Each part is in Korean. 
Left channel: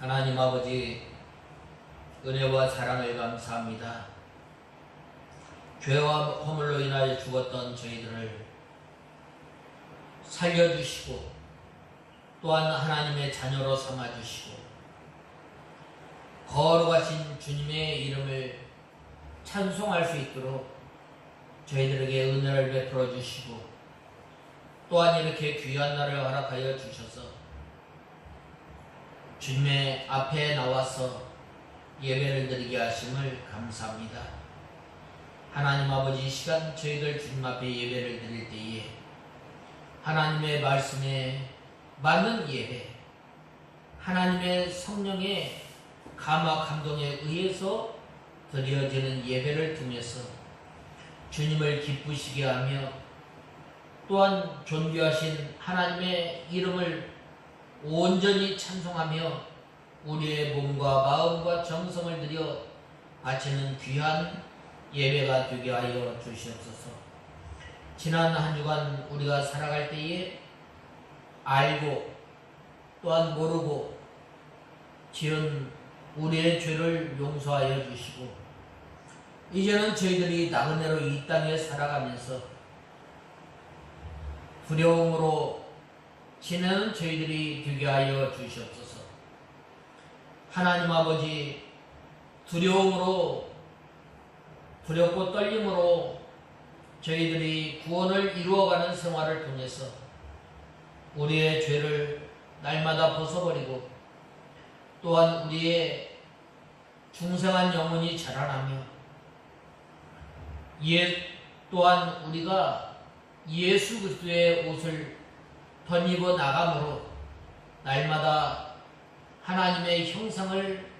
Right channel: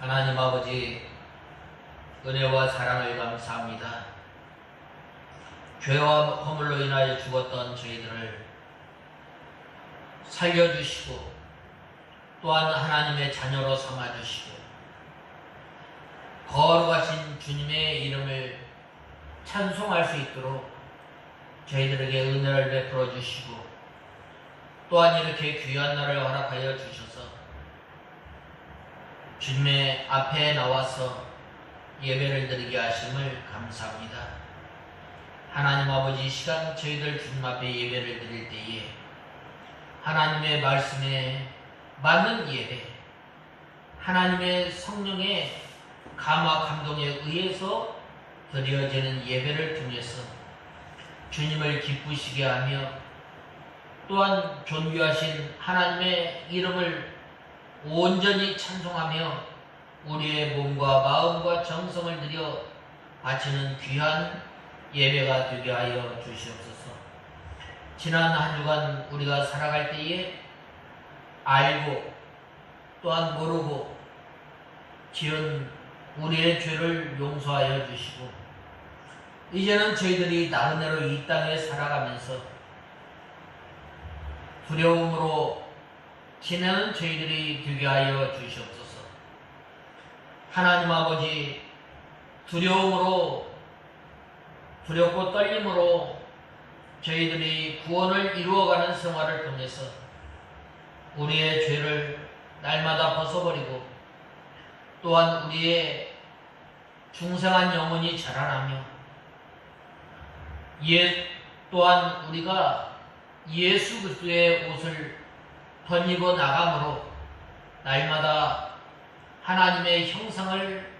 하나님 아버지, 은혜와 사랑을 감사합니다. 죄와 허물로 인하여 죽었던 저희들을 살려주시고 또한 하나님의 자녀로 삼아주시고 거룩하신 주님의 이름을 찬송할 수 있도록 저희들에게 은혜를 베풀어 주시고 또한 이렇게 귀한 날을 허락하여 주셔서 주님의 앞에 나와서 예배를 드리게 하심을 감사합니다. 하나님 아버지, 이 시간 저희들 주님 앞에 예배를 드릴 때에 하나님의 말씀에 맞는 예배, 하나님의 성령의 감화 감동에 의해서 드려지는 예배를 통해서 주님을 기쁘시게 하며 또한 존귀하신 하나님의 이름을 온전히 찬송하며 우리의 몸과 마음과 정성을 들여 바치는 귀한 예배가 되게 하여 주시옵소서. 지난 한 주간 우리가 살아갈 때에 알고 또한 모르고 지은 우리의 죄를 용서하여 주시고 이제는 저희들이 나그네로 이 땅에 살아가면서 두려움으로 지내는 저희들이 되게 하여 주시옵소서. 하나님 아버지, 두렵고 떨림으로 저희들이 구원을 이루어가는 생활을 통해서 우리의 죄를 날마다 벗어버리고 또한 우리의 중생한 영혼이 자라나며 또한 우리가 예수 그리스도의 옷을 덧입어 나감으로 날마다 하나님의 형상을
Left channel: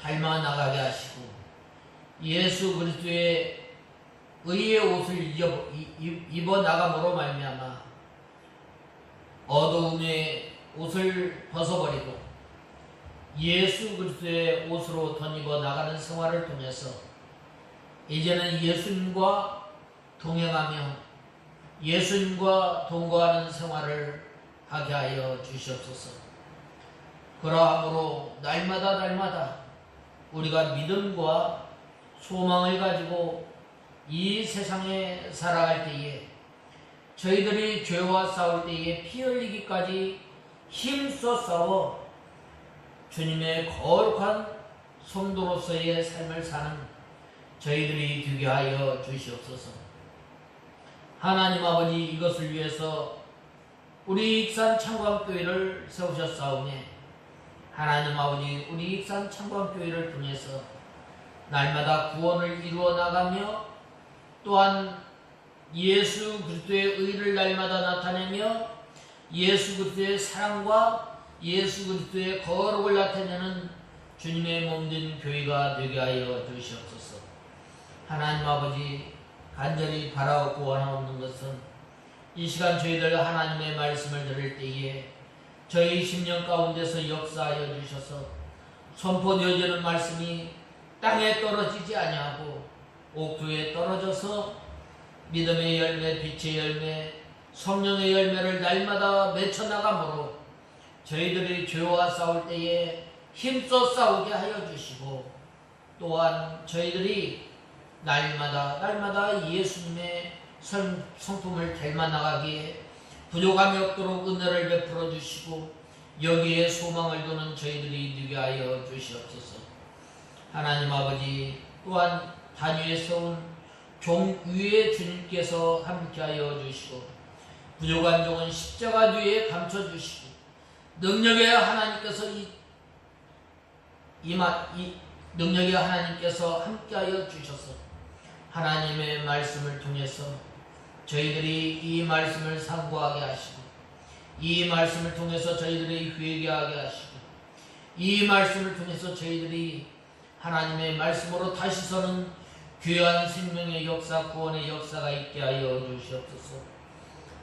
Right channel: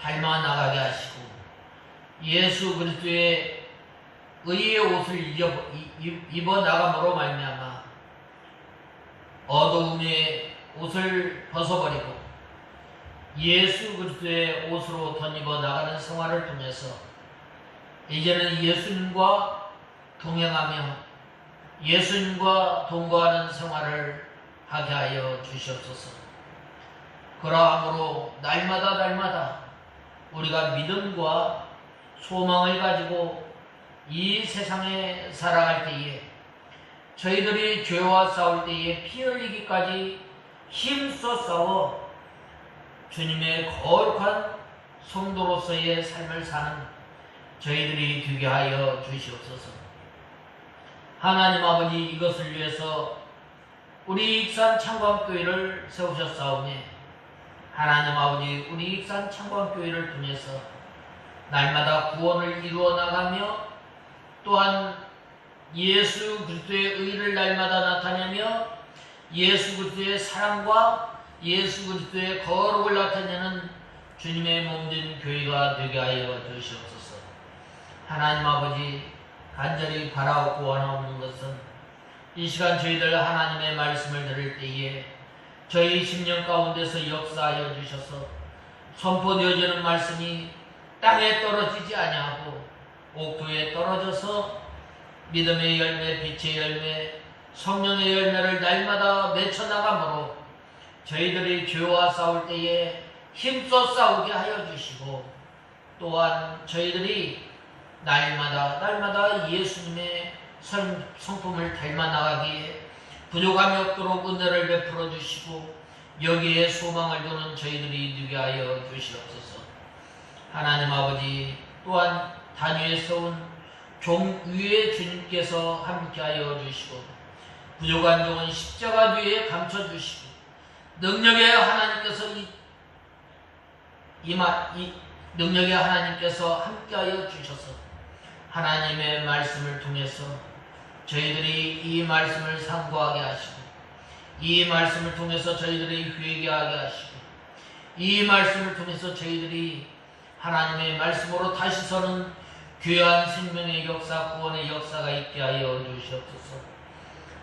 닮아 나가게 하시고 예수 그리스도의 의의 옷을 입어 나감으로 말미암아 어두움의 옷을 벗어버리고 예수 그리스도의 옷으로 덧입어 나가는 생활을 통해서 이제는 예수님과 동행하며 예수님과 동거하는 생활을 하게 하여 주시옵소서. 그러함으로 날마다 우리가 믿음과 소망을 가지고 이 세상에 살아갈 때에 저희들이 죄와 싸울 때에 피 흘리기까지 힘써 싸워 주님의 거룩한 성도로서의 삶을 사는 저희들이 되게 하여 주시옵소서. 하나님 아버지, 이것을 위해서 우리 익산 창광교회를 세우셨사오니 하나님 아버지, 우리 익산 창광교회를 통해서 날마다 구원을 이루어 나가며 또한 예수 그리스도의 의를 날마다 나타내며 예수 그리스도의 사랑과 예수 그리스도의 거룩을 나타내는 주님의 몸된 교회가 되게 하여 주시옵소서. 하나님 아버지, 간절히 바라옵고 원하옵는 것은 이 시간 저희들 하나님의 말씀을 들을 때에 저희 심령 가운데서 역사하여 주셔서 선포되어지는 말씀이 땅에 떨어지지 아니하고 옥토에 떨어져서 믿음의 열매, 빛의 열매, 성령의 열매를 날마다 맺혀나가므로 저희들이 죄와 싸울 때에 힘써 싸우게 하여 주시고 또한 저희들이 날마다 예수님의 성품을 닮아 나가기에 부족함이 없도록 은혜를 베풀어 주시고 여기에 소망을 두는 저희들이 되게 하여 주시옵소서. 하나님 아버지, 또한 단위에 세운 종 위에 주님께서 함께하여 주시고 부족한 종은 십자가 뒤에 감춰주시고 능력의 하나님께서 능력의 하나님께서 함께하여 주셔서 하나님의 말씀을 통해서 저희들이 이 말씀을 상고하게 하시고 이 말씀을 통해서 저희들이 회개하게 하시고 이 말씀을 통해서 저희들이 하나님의 말씀으로 다시 서는 귀한 생명의 역사, 구원의 역사가 있게 하여 주시옵소서.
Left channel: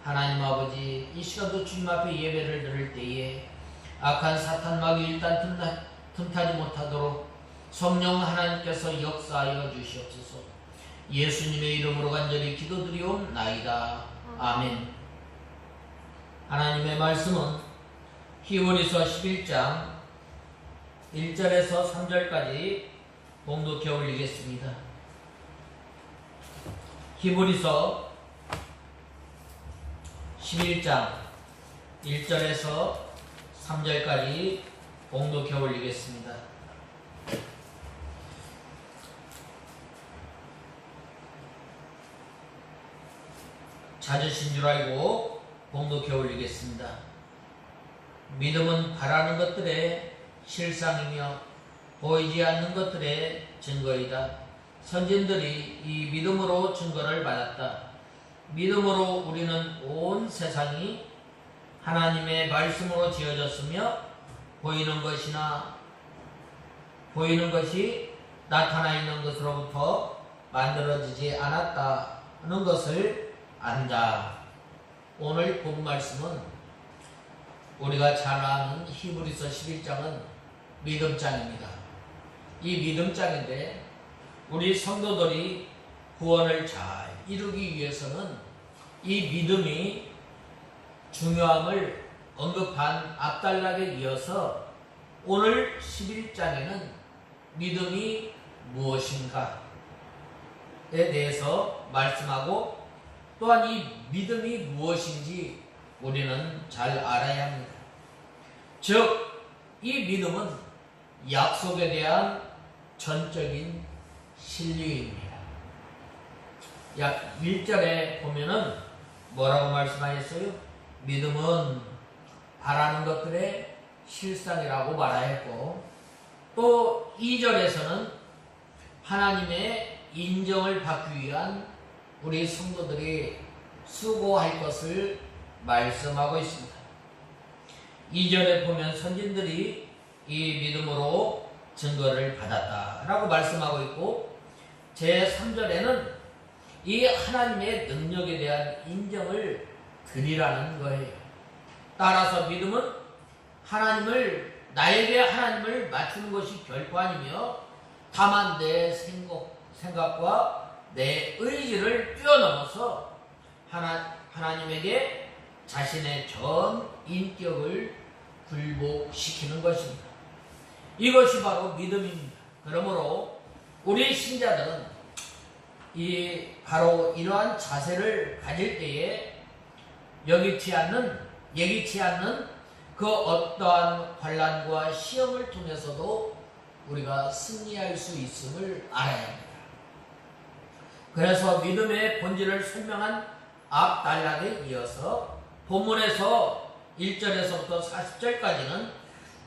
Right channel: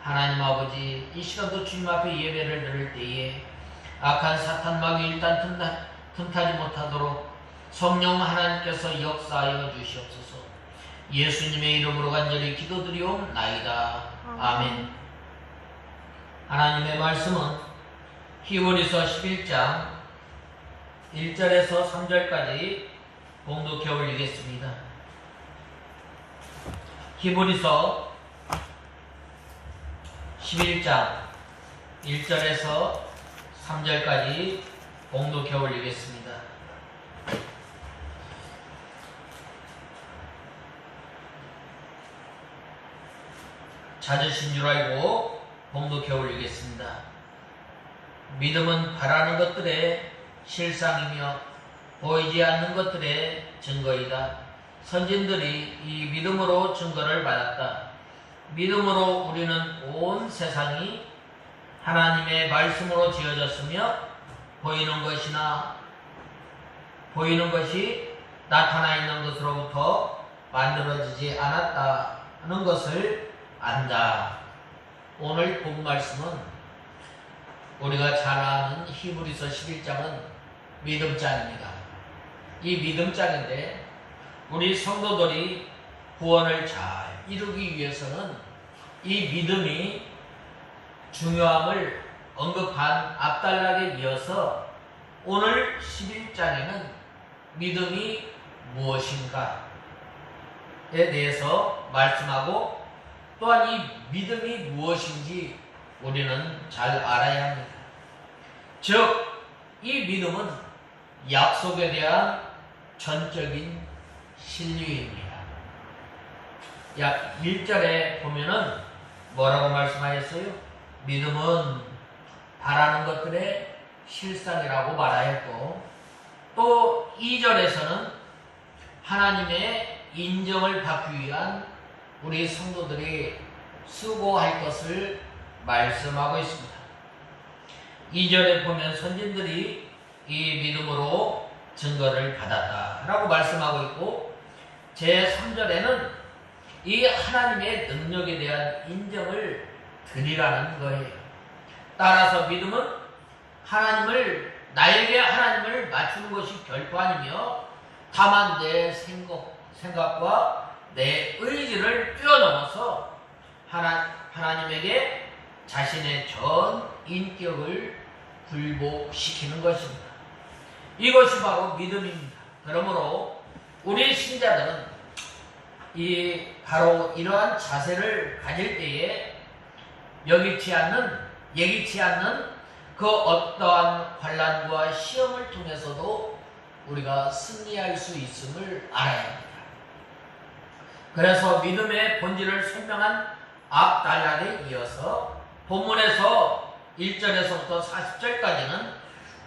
하나님 아버지, 이 시간도 주님 앞에 예배를 드릴 때에 악한 사탄 마귀 일단 틈타지 못하도록 성령 하나님께서 역사하여 주시옵소서. 예수님의 이름으로 간절히 기도드리옵나이다. 아멘. 하나님의 말씀은 히브리서 11장 1절에서 3절까지 봉독해 올리겠습니다. 히브리서 11장 1절에서 3절까지 봉독해 올리겠습니다. 찾으신 줄 알고 봉독해 올리겠습니다. 믿음은 바라는 것들의 실상이며 보이지 않는 것들의 증거이다. 선진들이 이 믿음으로 증거를 받았다. 믿음으로 우리는 온 세상이 하나님의 말씀으로 지어졌으며 보이는 것이 나타나 있는 것으로부터 만들어지지 않았다는 것을 안다. 오늘 본 말씀은 우리가 잘 아는 히브리서 11장은 믿음장입니다. 이 믿음장인데 우리 성도들이 구원을 잘 이루기 위해서는 이 믿음이 중요함을 언급한 앞단락에 이어서 오늘 11장에는 믿음이 무엇인가에 대해서 말씀하고 또한 이 믿음이 무엇인지 우리는 잘 알아야 합니다. 즉, 이 믿음은 약속에 대한 전적인 신뢰입니다. 약 1절에 보면은 뭐라고 말씀하셨어요? 믿음은 바라는 것들의 실상이라고 말하였고, 또 2절에서는 하나님의 인정을 받기 위한 우리 성도들이 수고할 것을 말씀하고 있습니다. 2절에 보면 선진들이 이 믿음으로 증거를 받았다라고 말씀하고 있고, 제3절에는 이 하나님의 능력에 대한 인정을 드리라는 거예요. 따라서 믿음은 나에게 하나님을 맞추는 것이 결코 아니며 다만 내 생각과 내 의지를 뛰어넘어서 하나님에게 자신의 전 인격을 굴복시키는 것입니다. 이것이 바로 믿음입니다. 그러므로 우리 신자들은 바로 이러한 자세를 가질 때에 예기치 않는 그 어떠한 환난과 시험을 통해서도 우리가 승리할 수 있음을 알아야 합니다. 그래서 믿음의 본질을 설명한 앞 단락에 이어서 본문에서 1절에서부터 40절까지는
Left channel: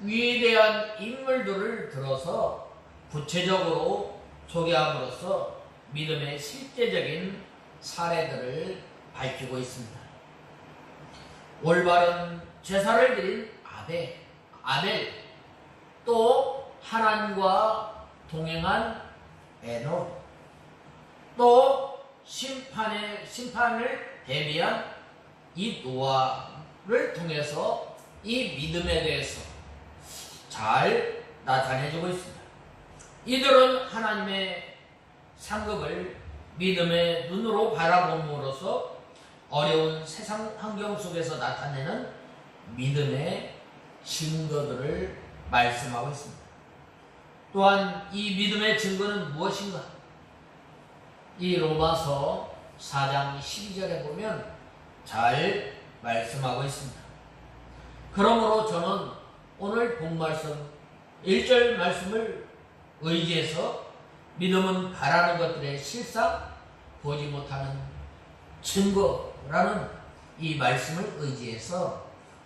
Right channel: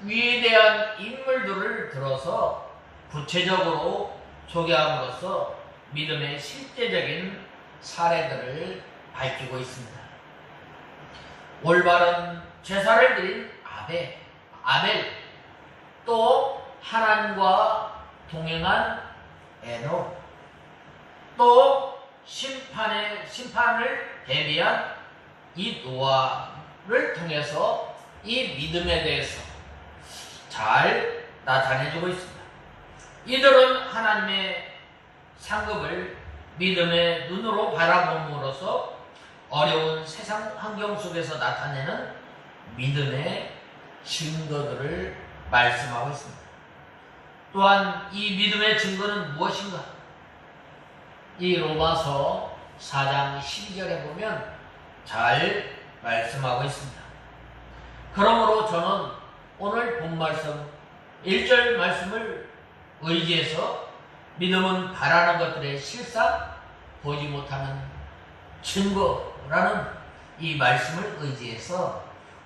위대한 인물들을 들어서 구체적으로 소개함으로써 믿음의 실제적인 사례들을 밝히고 있습니다. 올바른 제사를 드린 아벨, 또 하나님과 동행한 에녹, 또 심판을 대비한 이 노아를 통해서 이 믿음에 대해서 잘 나타내주고 있습니다. 이들은 하나님의 상급을 믿음의 눈으로 바라봄으로써 어려운 세상 환경 속에서 나타내는 믿음의 증거들을 말씀하고 있습니다. 또한 이 믿음의 증거는 무엇인가? 이 로마서 4장 12절에 보면 잘 말씀하고 있습니다. 그러므로 저는 오늘 본 말씀 1절 말씀을 의지해서 믿음은 바라는 것들의 실상, 보지 못하는 증거라는 이 말씀을 의지해서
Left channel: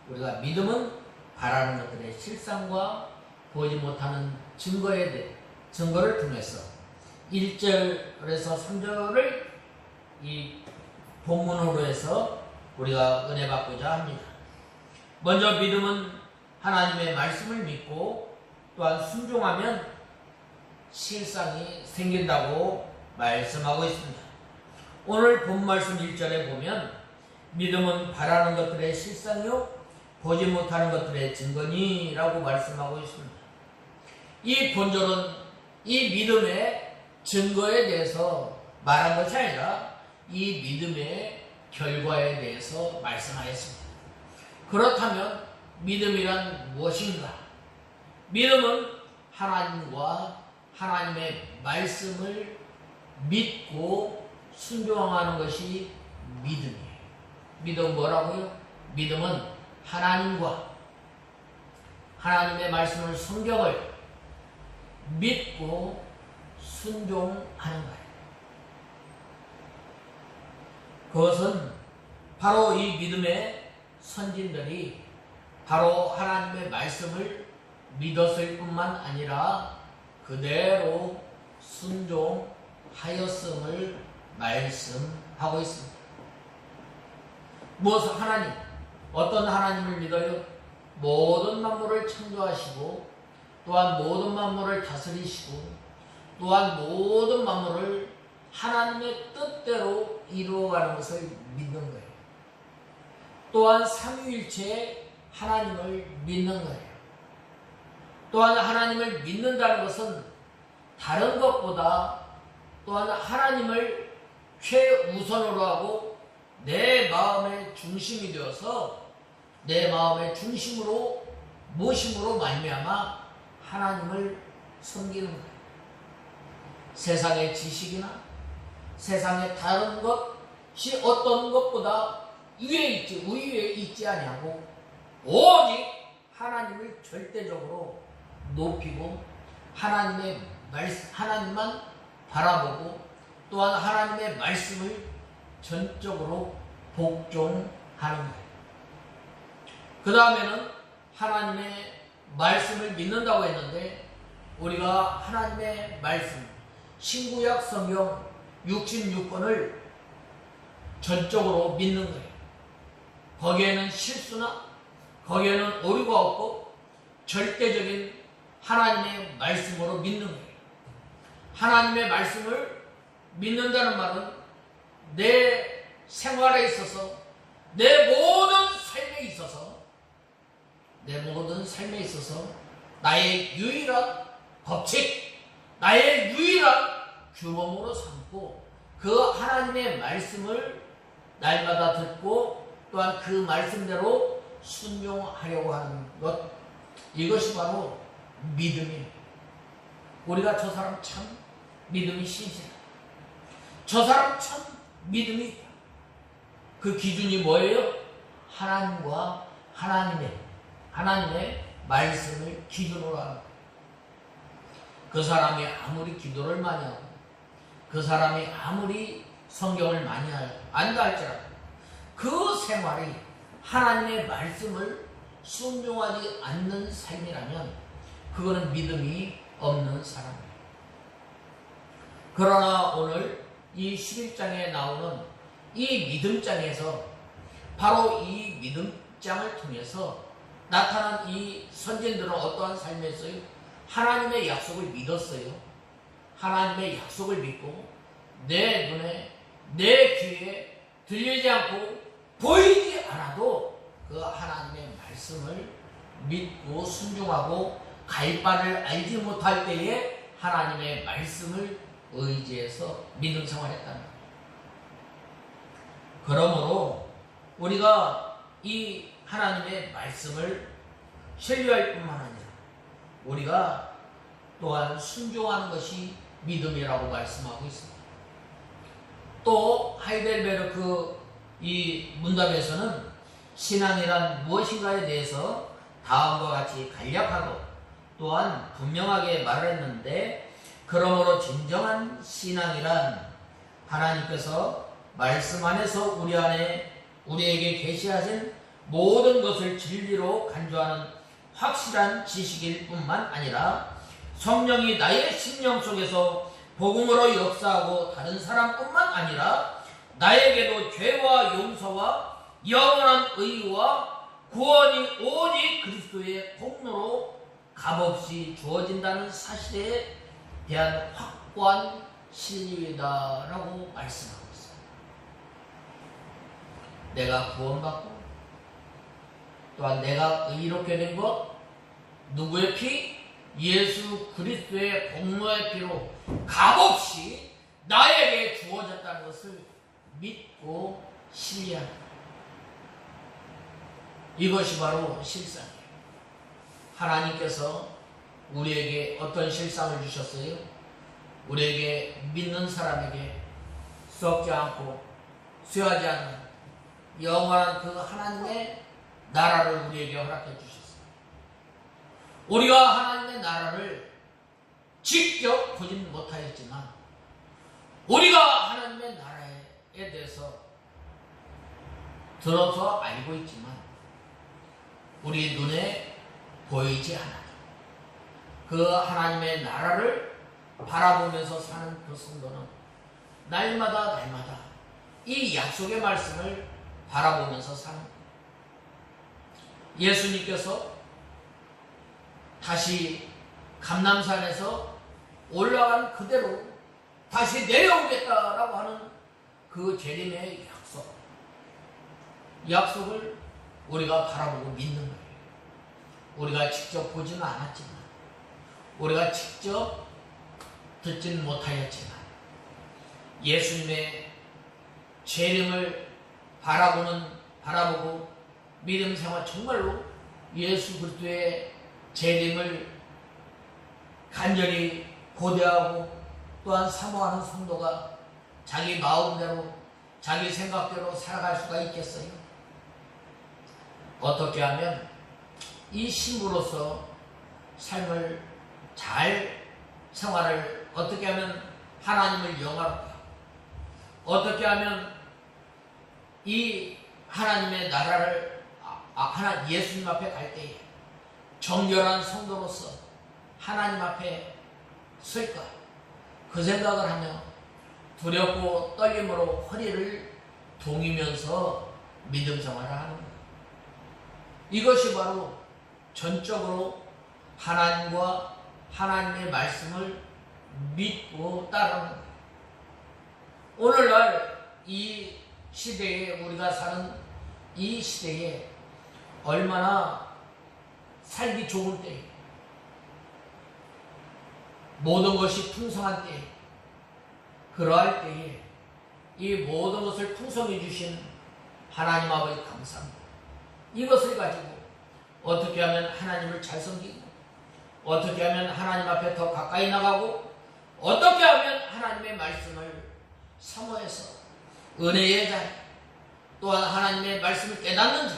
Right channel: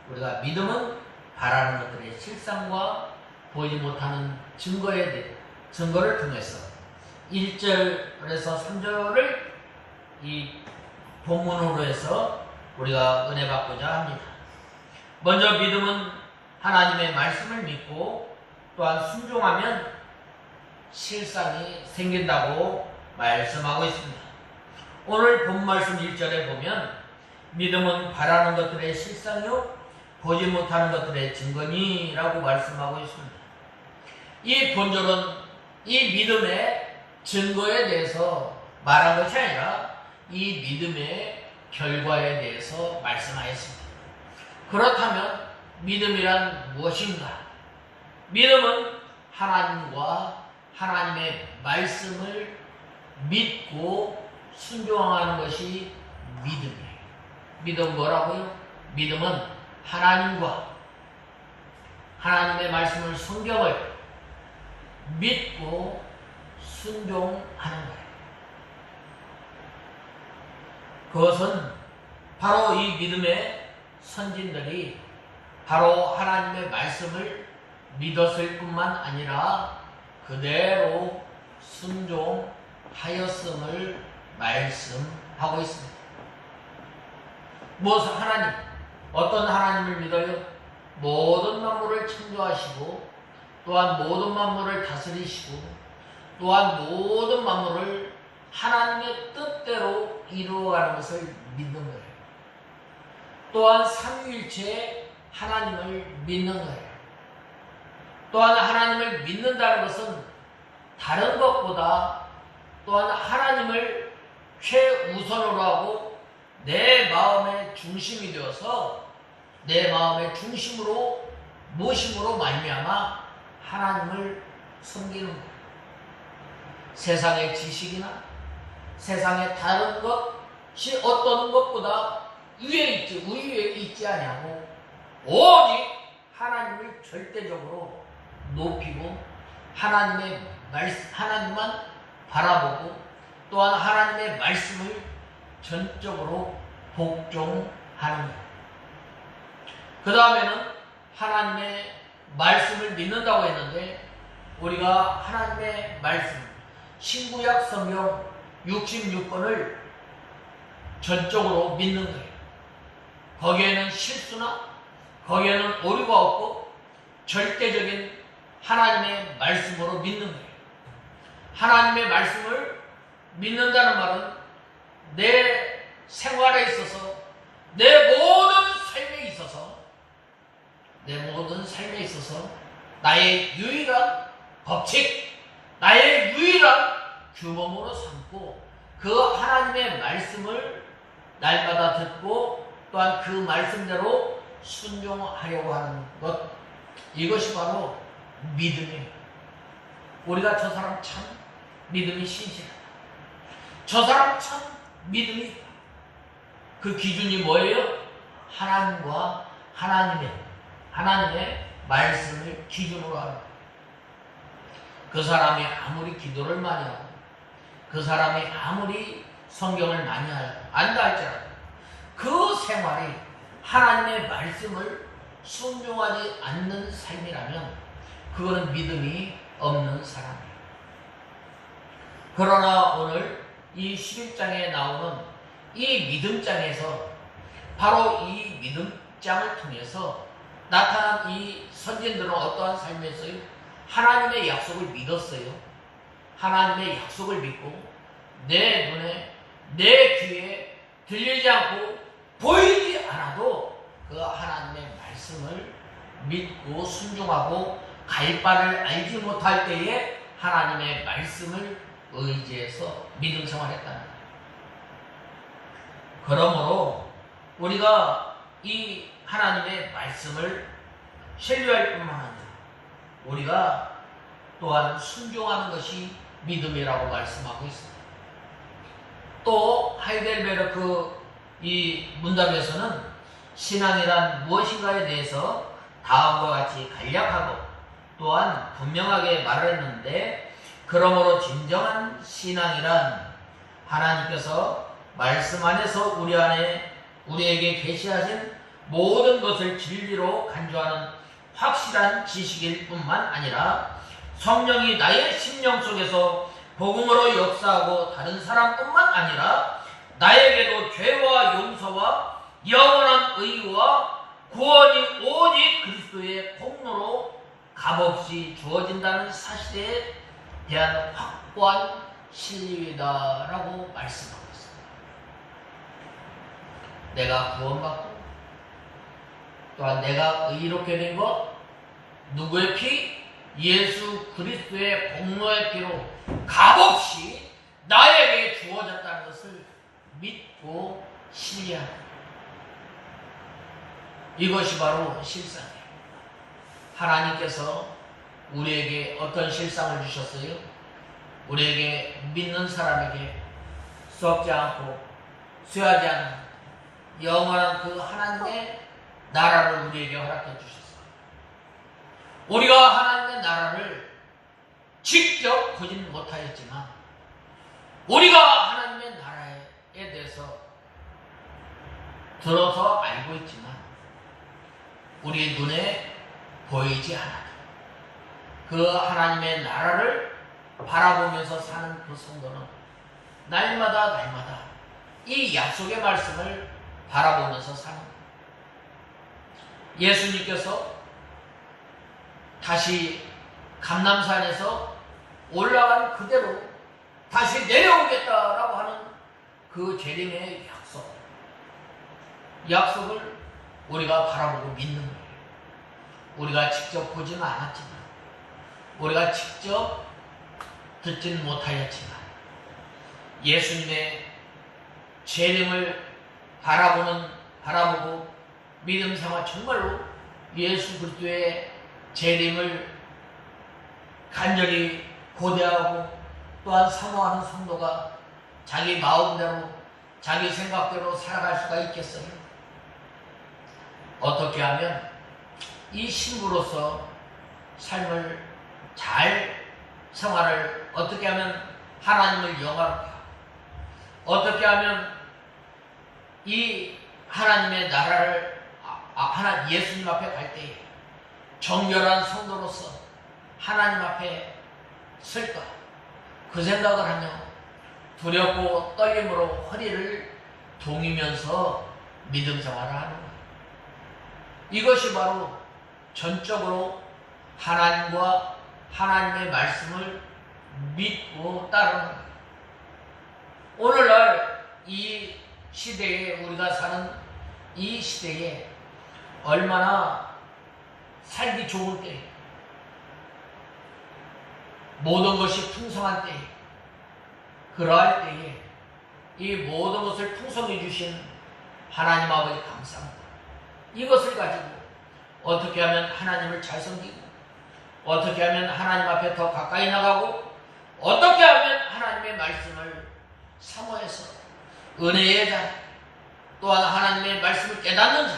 우리가 믿음은 바라는 것들의 실상과 보지 못하는 증거를 통해서 1절에서 3절을 이 본문으로 해서 우리가 은혜 받고자 합니다. 먼저 믿음은 하나님의 말씀을 믿고 또한 순종하면 실상이 생긴다고 말씀하고 있습니다. 오늘 본 말씀 1절에 보면 믿음은 바라는 것들의 실상이요 보지 못하는 것들의 증거니라고 말씀하고 있습니다. 이 본절은 이 믿음의 증거에 대해서 말한 것이 아니라 이 믿음의 결과에 대해서 말씀하였습니다. 그렇다면 믿음이란 무엇인가? 믿음은 하나님과 하나님의 말씀을 믿고 순종하는 것이 믿음이에요. 믿음은 뭐라고요? 믿음은 하나님과 하나님의 말씀을, 성경을 믿고 순종하는 거예요. 그것은 바로 이 믿음의 선진들이 바로 하나님의 말씀을 믿었을 뿐만 아니라 그대로 순종하였음을 말씀하고 있습니다. 무엇을 하나님, 어떤 하나님을 믿어요? 모든 만물을 창조하시고 또한 모든 만물을 다스리시고 또한 모든 만물을 하나님의 뜻대로 이루어가는 것을 믿는 거예요. 또한 삼위일체 하나님을 믿는 거예요. 또한 하나님을 믿는다는 것은 다른 것보다 또한 하나님을 최우선으로 하고 내 마음의 중심이 되어서 내 마음의 중심으로 모심으로 말미암아 하나님을 섬기는 거예요. 세상의 지식이나 세상의 다른 것이 어떤 것보다 위에 있지 아니하고 오직 하나님을 절대적으로 높이고 하나님만 바라보고 또한 하나님의 말씀을 전적으로 복종하는 거예요. 그 다음에는 하나님의 말씀을 믿는다고 했는데 우리가 하나님의 말씀 신구약 성경 66권을 전적으로 믿는 거예요. 거기에는 실수나 거기에는 오류가 없고 절대적인 하나님의 말씀으로 믿는 거예요. 하나님의 말씀을 믿는다는 말은 내 생활에 있어서 내 모든 삶에 있어서 나의 유일한 법칙, 나의 유일한 규범으로 삼고 그 하나님의 말씀을 날마다 듣고 또한 그 말씀대로 순종하려고 하는 것, 이것이 바로 믿음이에요. 우리가 저 사람 참 믿음이 신실하다, 저 사람 참 믿음이 있다, 그 기준이 뭐예요? 하나님과 하나님의 말씀을 기준으로 하는 거예요. 그 사람이 아무리 기도를 많이 하고 그 사람이 아무리 성경을 많이 안다 할지라도 그 생활이 하나님의 말씀을 순종하지 않는 삶이라면 그거는 믿음이 없는 사람이에요. 그러나 오늘 이 11장에 나오는 이 믿음장에서 바로 이 믿음장을 통해서 나타난 이 선진들은 어떠한 삶이었어요? 하나님의 약속을 믿었어요. 하나님의 약속을 믿고 내 눈에 내 귀에 들리지 않고 보이지 않아도 그 하나님의 말씀을 믿고 순종하고 갈 바를 알지 못할 때에 하나님의 말씀을 의지해서 믿음 생활했다는 거예요. 그러므로 우리가 이 하나님의 말씀을 신뢰할 뿐만 아니라 우리가 또한 순종하는 것이 믿음이라고 말씀하고 있습니다. 또 하이델베르크 이 문답에서는 신앙이란 무엇인가에 대해서 다음과 같이 간략하고 또한 분명하게 말했는데, 그러므로 진정한 신앙이란 하나님께서 말씀 안에서 우리에게 계시하신 모든 것을 진리로 간주하는 확실한 지식일 뿐만 아니라 성령이 나의 심령 속에서 복음으로 역사하고 다른 사람뿐만 아니라 나에게도 죄와 용서와 영원한 의와 구원이 오직 그리스도의 공로로 값없이 주어진다는 사실에 대한 확고한 신뢰다라고 말씀하고 있습니다. 내가 구원받고 또한 내가 의롭게 된 것, 누구의 피? 예수 그리스도의 공로의 피로 값없이 나에게 주어졌다는 것을 믿고 신뢰하는, 이것이 바로 실상이에요. 하나님께서 우리에게 어떤 실상을 주셨어요? 우리에게 믿는 사람에게 수없지 않고 쇠하지 않는 영원한 그 하나님의 나라를 우리에게 허락해 주셨어요. 우리가 하나님의 나라를 직접 보지는 못하였지만 우리가 하나님의 나라에 대해서 들어서 알고 있지만 우리 눈에 보이지 않아도 그 하나님의 나라를 바라보면서 사는 그 성도는 날마다 이 약속의 말씀을 바라보면서 사는 거예요. 예수님께서 다시 감람산에서 올라간 그대로 다시 내려오겠다라고 하는 그 재림의 약속을 우리가 바라보고 믿는 거예요. 우리가 직접 보지는 않았지만 우리가 직접 듣지는 못하였지만 예수님의 재림을 바라보고 믿음 삼아 정말로 예수 그리스도의 재림을 간절히 고대하고 또한 사모하는 성도가 자기 마음대로 자기 생각대로 살아갈 수가 있겠어요? 어떻게 하면 이 신부로서 삶을 잘 생활을 어떻게 하면 하나님을 영화롭게 하고 어떻게 하면 이 하나님의 나라를 예수님 앞에 갈 때에 정결한 성도로서 하나님 앞에 쓸까 그 생각을 하며 두렵고 떨림으로 허리를 동이면서 믿음 생활을 하는 거예요. 이것이 바로 전적으로 하나님과 하나님의 말씀을 믿고 따르는 거예요. 오늘날 이 시대에 우리가 사는 이 시대에 얼마나 살기 좋을 때 모든 것이 풍성한 때 그러할 때에 이 모든 것을 풍성해 주신 하나님 아버지 감사합니다. 이것을 가지고 어떻게 하면 하나님을 잘 섬기고 어떻게 하면 하나님 앞에 더 가까이 나가고 어떻게 하면 하나님의 말씀을 사모해서 은혜의 자 또한 하나님의 말씀을 깨닫는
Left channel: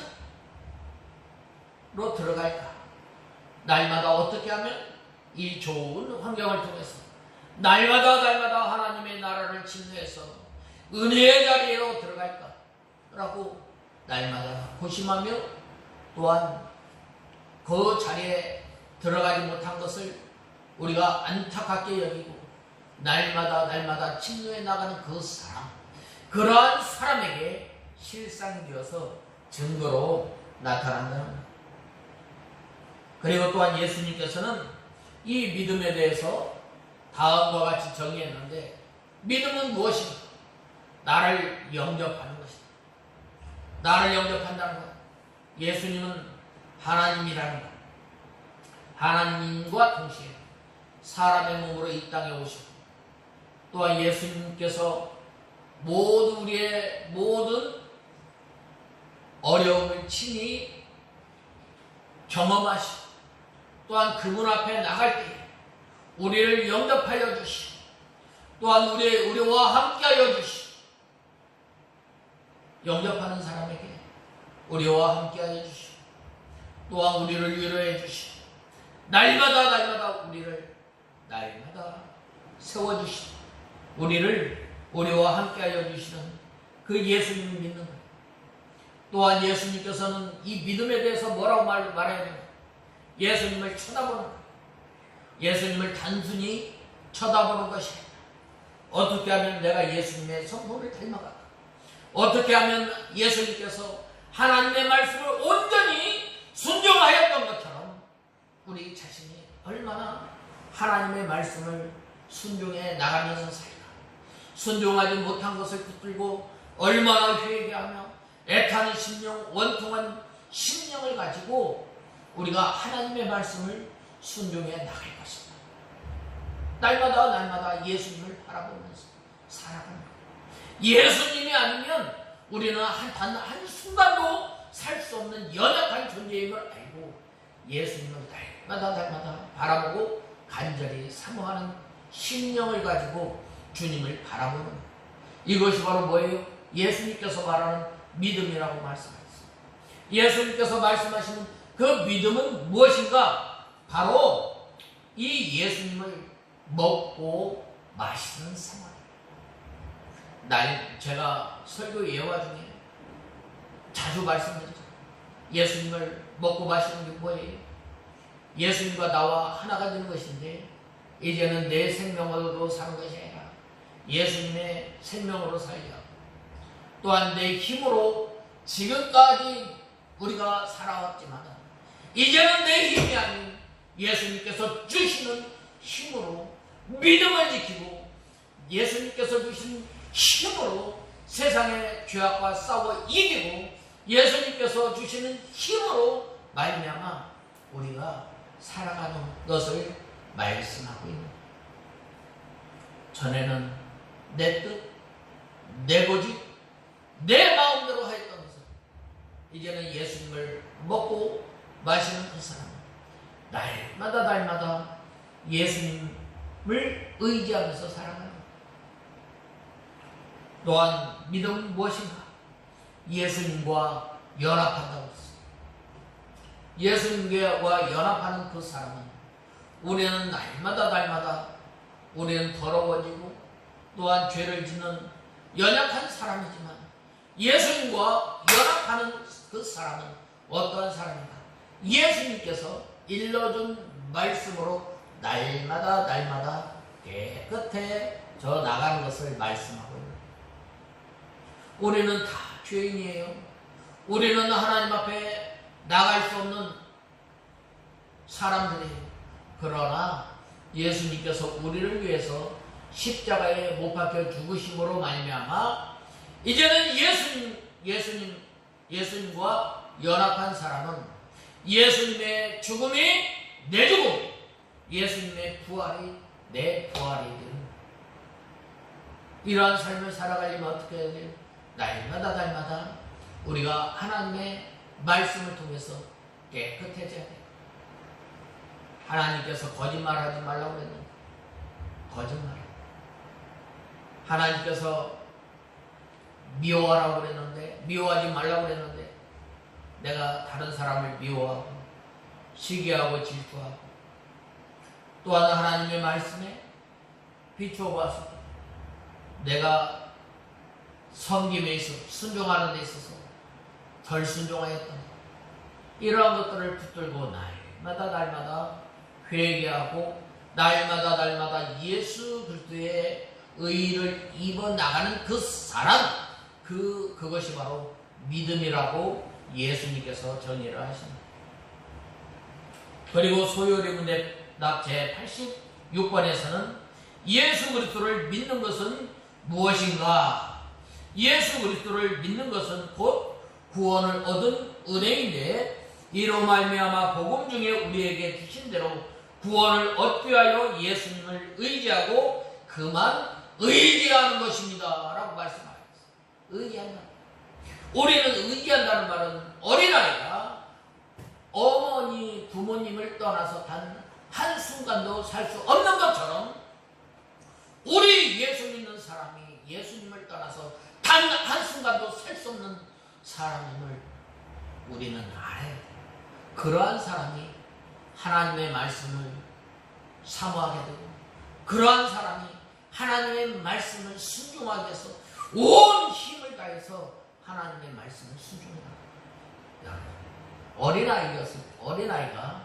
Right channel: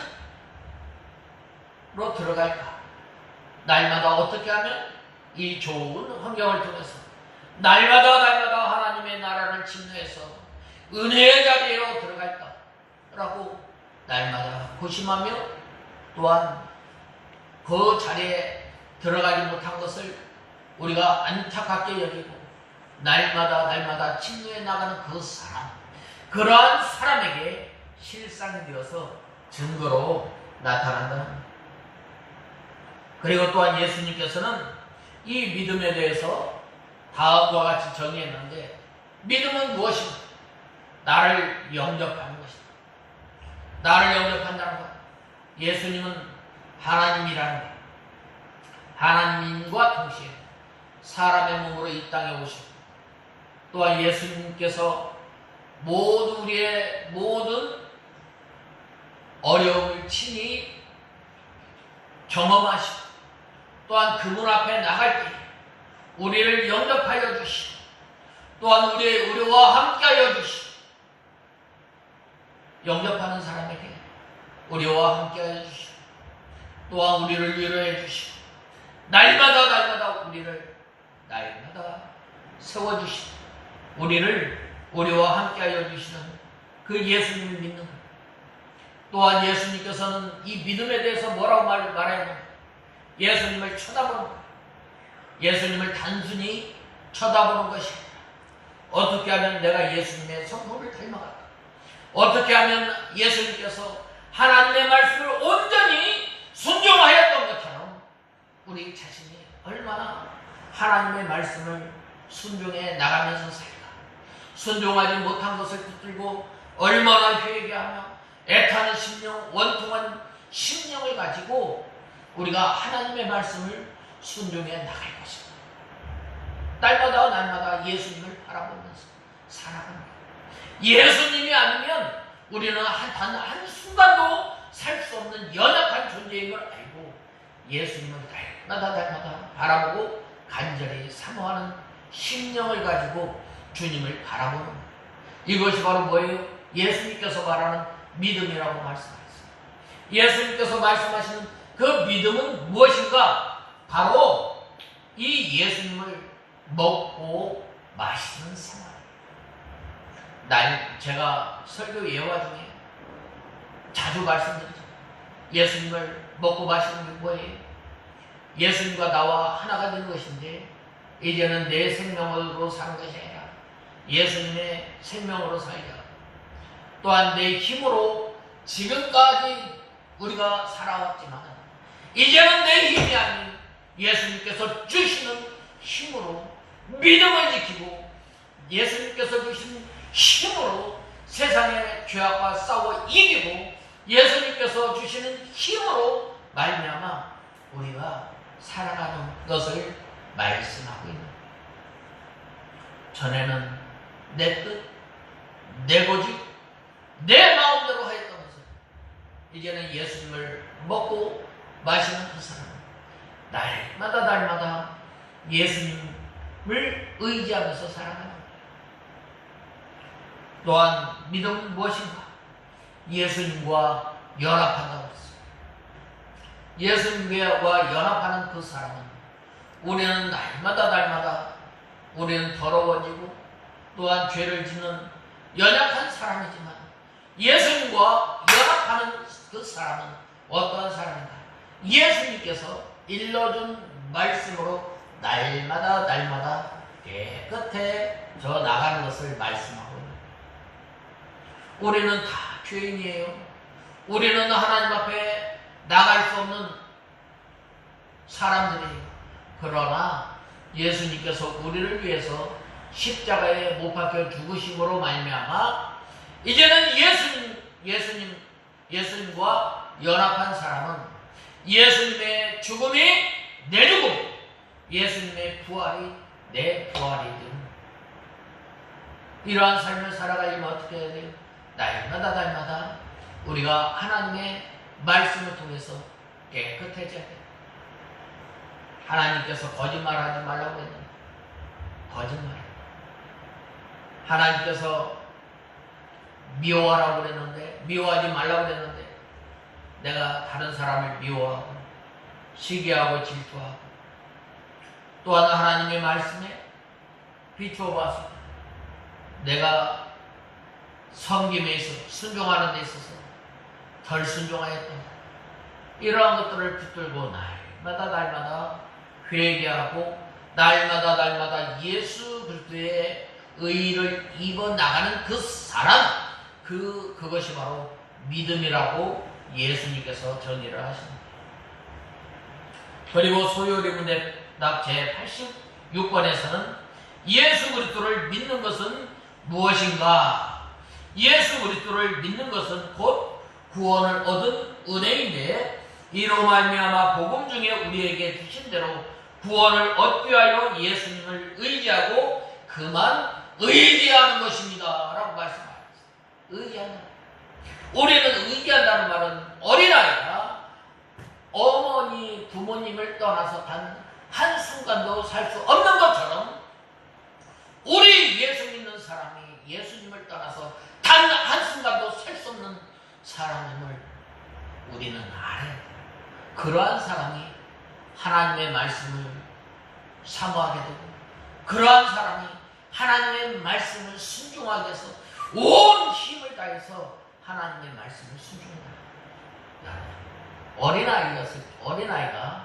자로 들어갈까? 날마다 어떻게 하면 이 좋은 환경을 통해서 날마다 하나님의 나라를 침노해서 은혜의 자리로 들어갈까? 라고 날마다 고심하며 또한 그 자리에 들어가지 못한 것을 우리가 안타깝게 여기고 날마다 침노해 나가는 그 사람 그러한 사람에게 실상이 되어서 증거로 나타난다는 거예요. 그리고 또한 예수님께서는 이 믿음에 대해서 다음과 같이 정의했는데 믿음은 무엇인가? 나를 영접하는 것이다. 나를 영접한다는 것. 예수님은 하나님이라는 것. 하나님과 동시에 사람의 몸으로 이 땅에 오시고 또한 예수님께서 우리의 모든 어려움을 친히 경험하시고 또한 그분 앞에 나갈 때 우리를 영접하여 주시고 또한 우리와 함께하여 주시고 영접하는 사람에게 우리와 함께하여 주시고 또한 우리를 위로해 주시고 날마다 우리를 세워주시고 우리와 함께하여 주시는 그 예수님을 믿는 것. 또한 예수님께서는 이 믿음에 대해서 뭐라고 말하냐면 예수님을 쳐다보는 것. 예수님을 단순히 쳐다보는 것이 아니라 어떻게 하면 내가 예수님의 성품을 닮아갈까? 어떻게 하면 예수님께서 하나님의 말씀을 온전히 순종하였던 것처럼 우리 자신이 얼마나 하나님의 말씀을 순종해 나가면서 살까? 순종하지 못한 것을 붙들고 얼마나 회개하며 애타는 심령, 원통한 심령을 가지고 우리가 하나님의 말씀을 순종해 나갈 것입니다. 날마다 예수님을 바라보면서 살아가는 거예요. 예수님이 아니면 우리는 한 순간도 살 수 없는 연약한 존재임을 알고 예수님을 날마다 바라보고 간절히 사모하는 심령을 가지고 주님을 바라보는 것. 이것이 바로 뭐예요? 예수님께서 말하는 믿음이라고 말씀하셨습니다. 예수님께서 말씀하시는 그 믿음은 무엇인가? 바로 이 예수님을 먹고 마시는 생활. 제가 설교 예화 중에 자주 말씀드리죠. 예수님을 먹고 마시는 게 뭐예요? 예수님과 나와 하나가 된 것인데 이제는 내 생명으로 사는 것이 아니라 예수님의 생명으로 살자. 또한 내 힘으로 지금까지 우리가 살아왔지만 이제는 내 힘이 아닌 예수님께서 주시는 힘으로 믿음을 지키고 예수님께서 주신 힘으로 세상의 죄악과 싸워 이기고 예수님께서 주시는 힘으로 말미암아 우리가 살아가는 것을 말씀하고 있는 거예요. 전에는 내 뜻, 내 고집, 내 마음대로 하였다면서 이제는 예수님을 먹고 마시는 그 사람은 날마다 예수님을 의지하면서 살아가는 거예요. 또한 믿음은 무엇인가? 예수님과 연합한다고 했습니다. 예수님과 연합하는 그 사람은 우리는 날마다 우리는 더러워지고 또한 죄를 짓는 연약한 사람이지만 예수님과 연합하는 그 사람은 어떠한 사람인가? 예수님께서 일러준 말씀으로 날마다 깨끗해져 나가는 것을 말씀하고 있습니다. 우리는 다 죄인이에요. 우리는 하나님 앞에 나갈 수 없는 사람들이에요. 그러나 예수님께서 우리를 위해서 십자가에 못 박혀 죽으심으로 말미암아 이제는 예수님과 연합한 사람은 예수님의 죽음이 내 죽음, 예수님의 부활이 내 부활이 되는 이러한 삶을 살아가려면 어떻게 해야 돼요? 날마다 우리가 하나님의 말씀을 통해서 깨끗해져야 돼요. 하나님께서 거짓말하지 말라고 했는데 거짓말. 하나님께서 미워하라고 그랬는데 미워하지 말라고 그랬는데 내가 다른 사람을 미워하고 시기하고 질투하고 또한 하나님의 말씀에 비추어 봐서 내가 섬김에 있어서 순종하는 데 있어서 덜 순종하였던 이러한 것들을 붙들고 날마다 회개하고 날마다 예수 그리스도의 의를 입어 나가는 그 사람, 그것이 바로 믿음이라고 예수님께서 정의를 하십니다. 그리고 소요리 문답 제86번에서는 예수 그리스도를 믿는 것은 무엇인가? 예수 그리스도를 믿는 것은 곧 구원을 얻은 은혜인데 이로 말미암아 복음 중에 우리에게 주신 대로 구원을 얻기 위하여 예수님을 의지하고 그만 의지하는 것입니다 라고 말씀하셨어요. 의지한다. 우리는 의지한다는 말은 어린아이가 어머니 부모님을 떠나서 단 한순간도 살 수 없는 것처럼 우리 예수 믿는 사람이 예수님을 떠나서 단 한순간도 살 수 없는 사람임을 우리는 알아야 돼요. 그러한 사람이 하나님의 말씀을 사모하게 되고 그러한 사람이 하나님의 말씀을 순종하게 해서 온 힘을 다해서 하나님의 말씀을 순종합니다. 어린아이가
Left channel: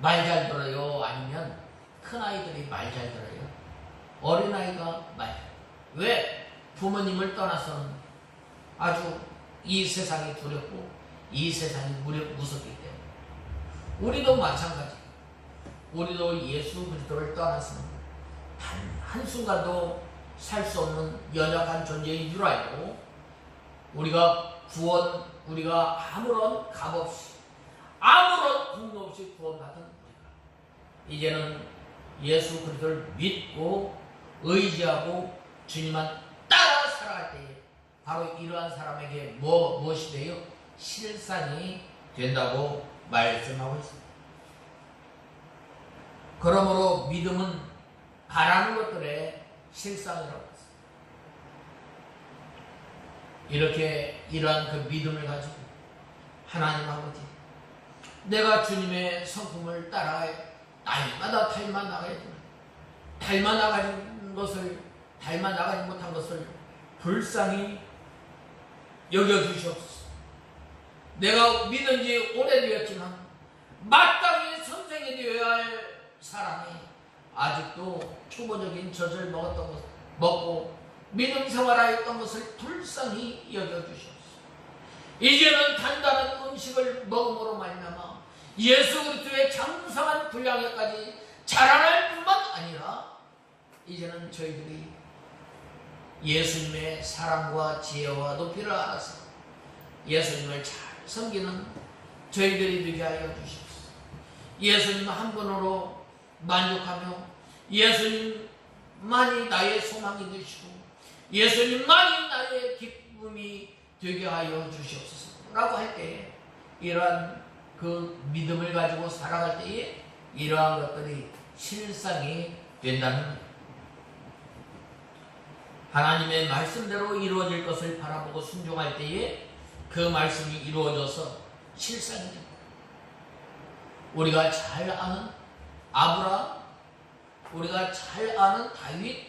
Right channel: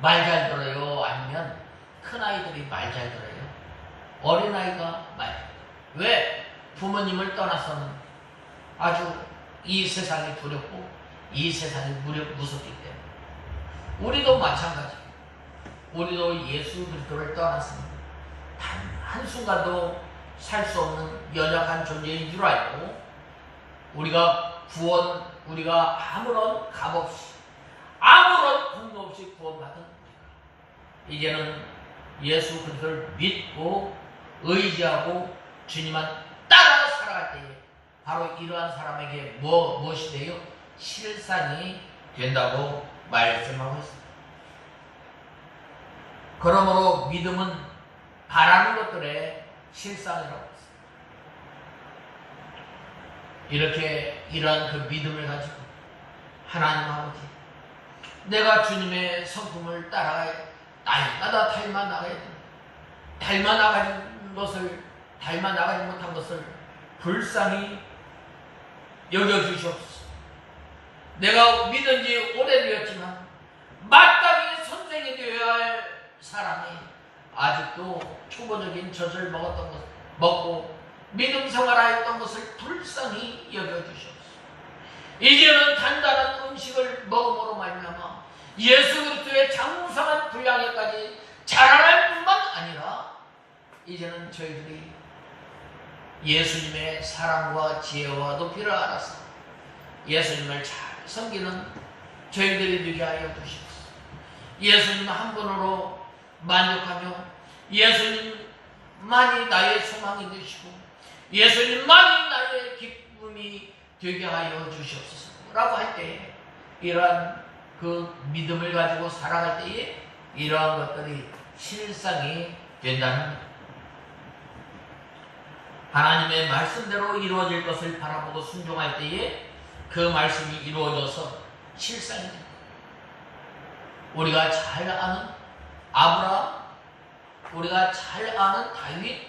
말 잘 들어요? 아니면 큰아이들이 말 잘 들어요? 어린아이가 왜? 부모님을 떠나서는 아주 이 세상이 두렵고 이 세상이 무섭기 때문에 우리도 마찬가지예요. 우리도 예수 그리스도를 떠나서는 단 한순간도 살 수 없는 연약한 존재인 줄 알고 우리가 아무런 값 없이 아무런 공로 없이 구원받은 이제는 예수 그리스도를 믿고 의지하고 주님만 따라 살아갈 때에 바로 이러한 사람에게 무엇이 돼요? 실상이 된다고 말씀하고 있습니다. 그러므로 믿음은 바라는 것들의 실상이라고 했습니다. 이렇게 이러한 그 믿음을 가지고 하나님 아버지, 내가 주님의 성품을 따라가야 날마다 닮아 나가야 된다. 닮아 나가지 못한 것을 불쌍히 여겨주시옵소서. 내가 믿은 지 오래되었지만 마땅히 선생이 되어야 할 사람이 아직도 초보적인 젖을 먹고 믿음 생활하였던 것을 불쌍히 여겨주시옵소서. 이제는 단단한 음식을 먹음으로 말미암아 예수 그리스도의 장성한 분량에까지 자라날 뿐만 아니라 이제는 저희들이 예수님의 사랑과 지혜와 높이를 알아서 예수님을 잘 섬기는 저희들이 되게 하여 주시옵소서. 예수님 한 분으로 만족하며 예수님만이 나의 소망이 되시고 예수님만이 나의 기쁨이 되게 하여 주시옵소서 라고 할 때에, 이러한 그 믿음을 가지고 살아갈 때에 이러한 것들이 실상이 된다는, 하나님의 말씀대로 이루어질 것을 바라보고 순종할 때에 그 말씀이 이루어져서 실상이 됩니다. 우리가 잘 아는 아브라함, 우리가 잘 아는 다윗,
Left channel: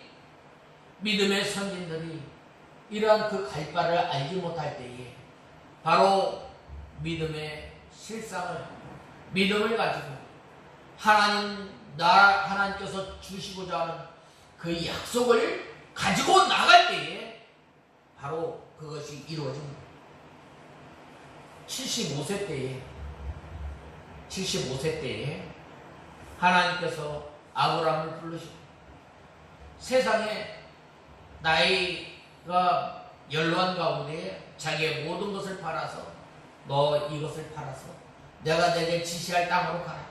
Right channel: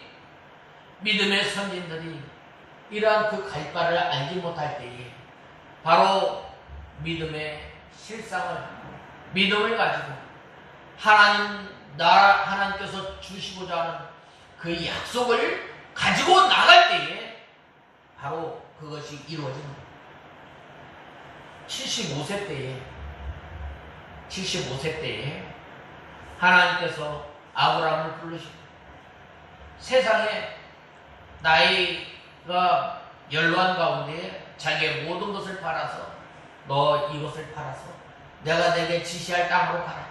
믿음의 선진들이 이러한 그 갈바를 알지 못할 때에 바로 믿음의 실상을, 믿음을 가지고 하나님께서 주시고자 하는 그 약속을 가지고 나갈 때에 바로 그것이 이루어집니다. 75세 때에 하나님께서 아브라함을 부르시고 세상에 나이가 연로한 가운데 자기의 모든 것을 팔아서 너 이것을 팔아서 내가 내게 지시할 땅으로 가라.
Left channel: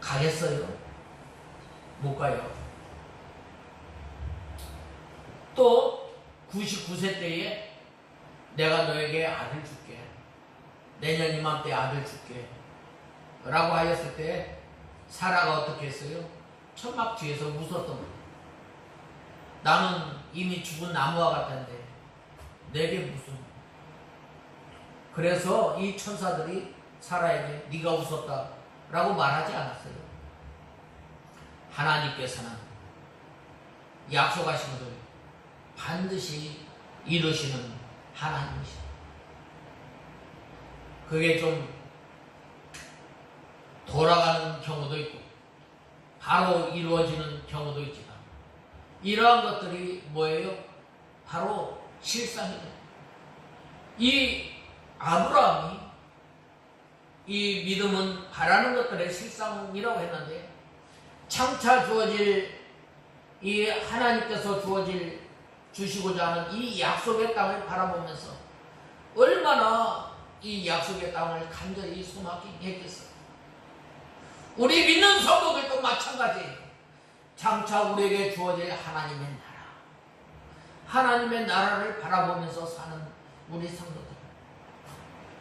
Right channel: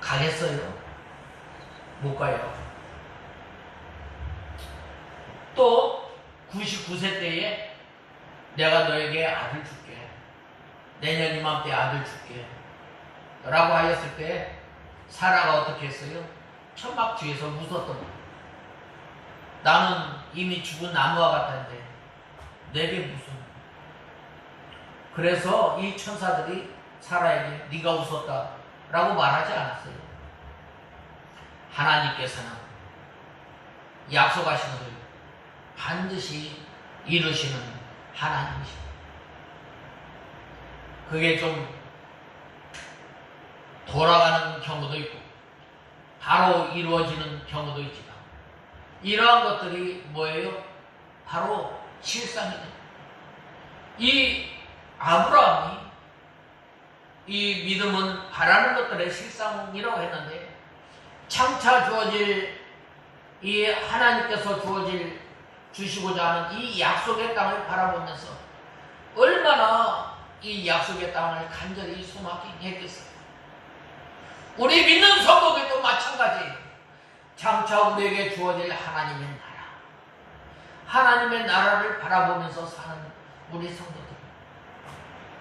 가겠어요? 못 가요. 또 99세 때에 내가 너에게 아들 줄게. 내년 이맘때 아들 줄게. 라고 하였을 때 사라가 어떻게 했어요? 천막 뒤에서 웃었던 거예요. 나는 이미 죽은 나무와 같은데 내게 무슨. 그래서 이 천사들이 사라에게 네가 웃었다 라고 말하지 않았어요. 하나님께서는 약속하신 것을 반드시 이루시는 하나님이십니다. 그게 좀 돌아가는 경우도 있고 바로 이루어지는 경우도 있지만 이러한 것들이 뭐예요? 바로 실상이다. 이 아브라함이 이 믿음은 바라는 것들의 실상이라고 했는데, 장차 주어질 이 하나님께서 주시고자 하는 이 약속의 땅을 바라보면서 얼마나 이 약속의 땅을 간절히 소망하게 했겠어요. 우리 믿는 성도들도 마찬가지예요. 장차 우리에게 주어질 하나님의 나라, 하나님의 나라를 바라보면서 사는 우리 성도들,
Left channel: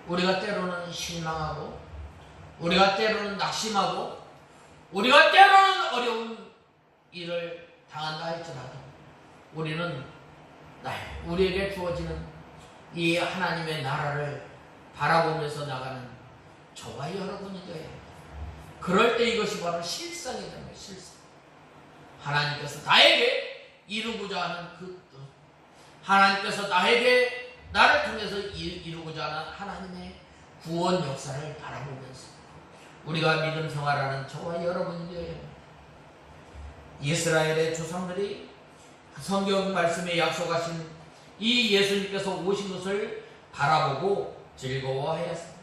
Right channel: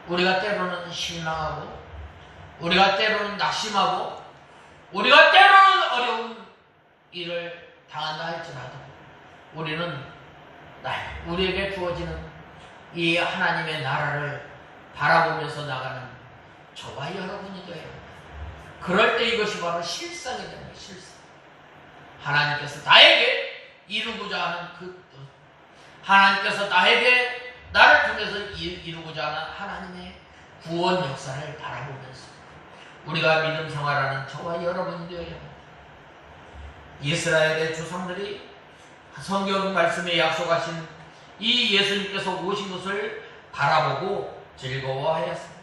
우리가 때로는 실망하고 우리가 때로는 낙심하고 우리가 때로는 어려운 일을 당한다 할지라도 우리는 우리에게 주어지는 이 하나님의 나라를 바라보면서 나가는 저와 여러분이 돼요. 그럴 때 이것이 바로 실상이 되는 거예요. 실상. 하나님께서 나에게 이루고자 하는 그 뜻, 하나님께서 나를 통해서 이루고자 하는 하나님의 구원 역사를 바라보면서 우리가 믿음 생활하는 저와 여러분이 되어야 합니다. 이스라엘의 조상들이 성경 말씀에 약속하신 이 예수님께서 오신 것을 바라보고 즐거워하였습니다.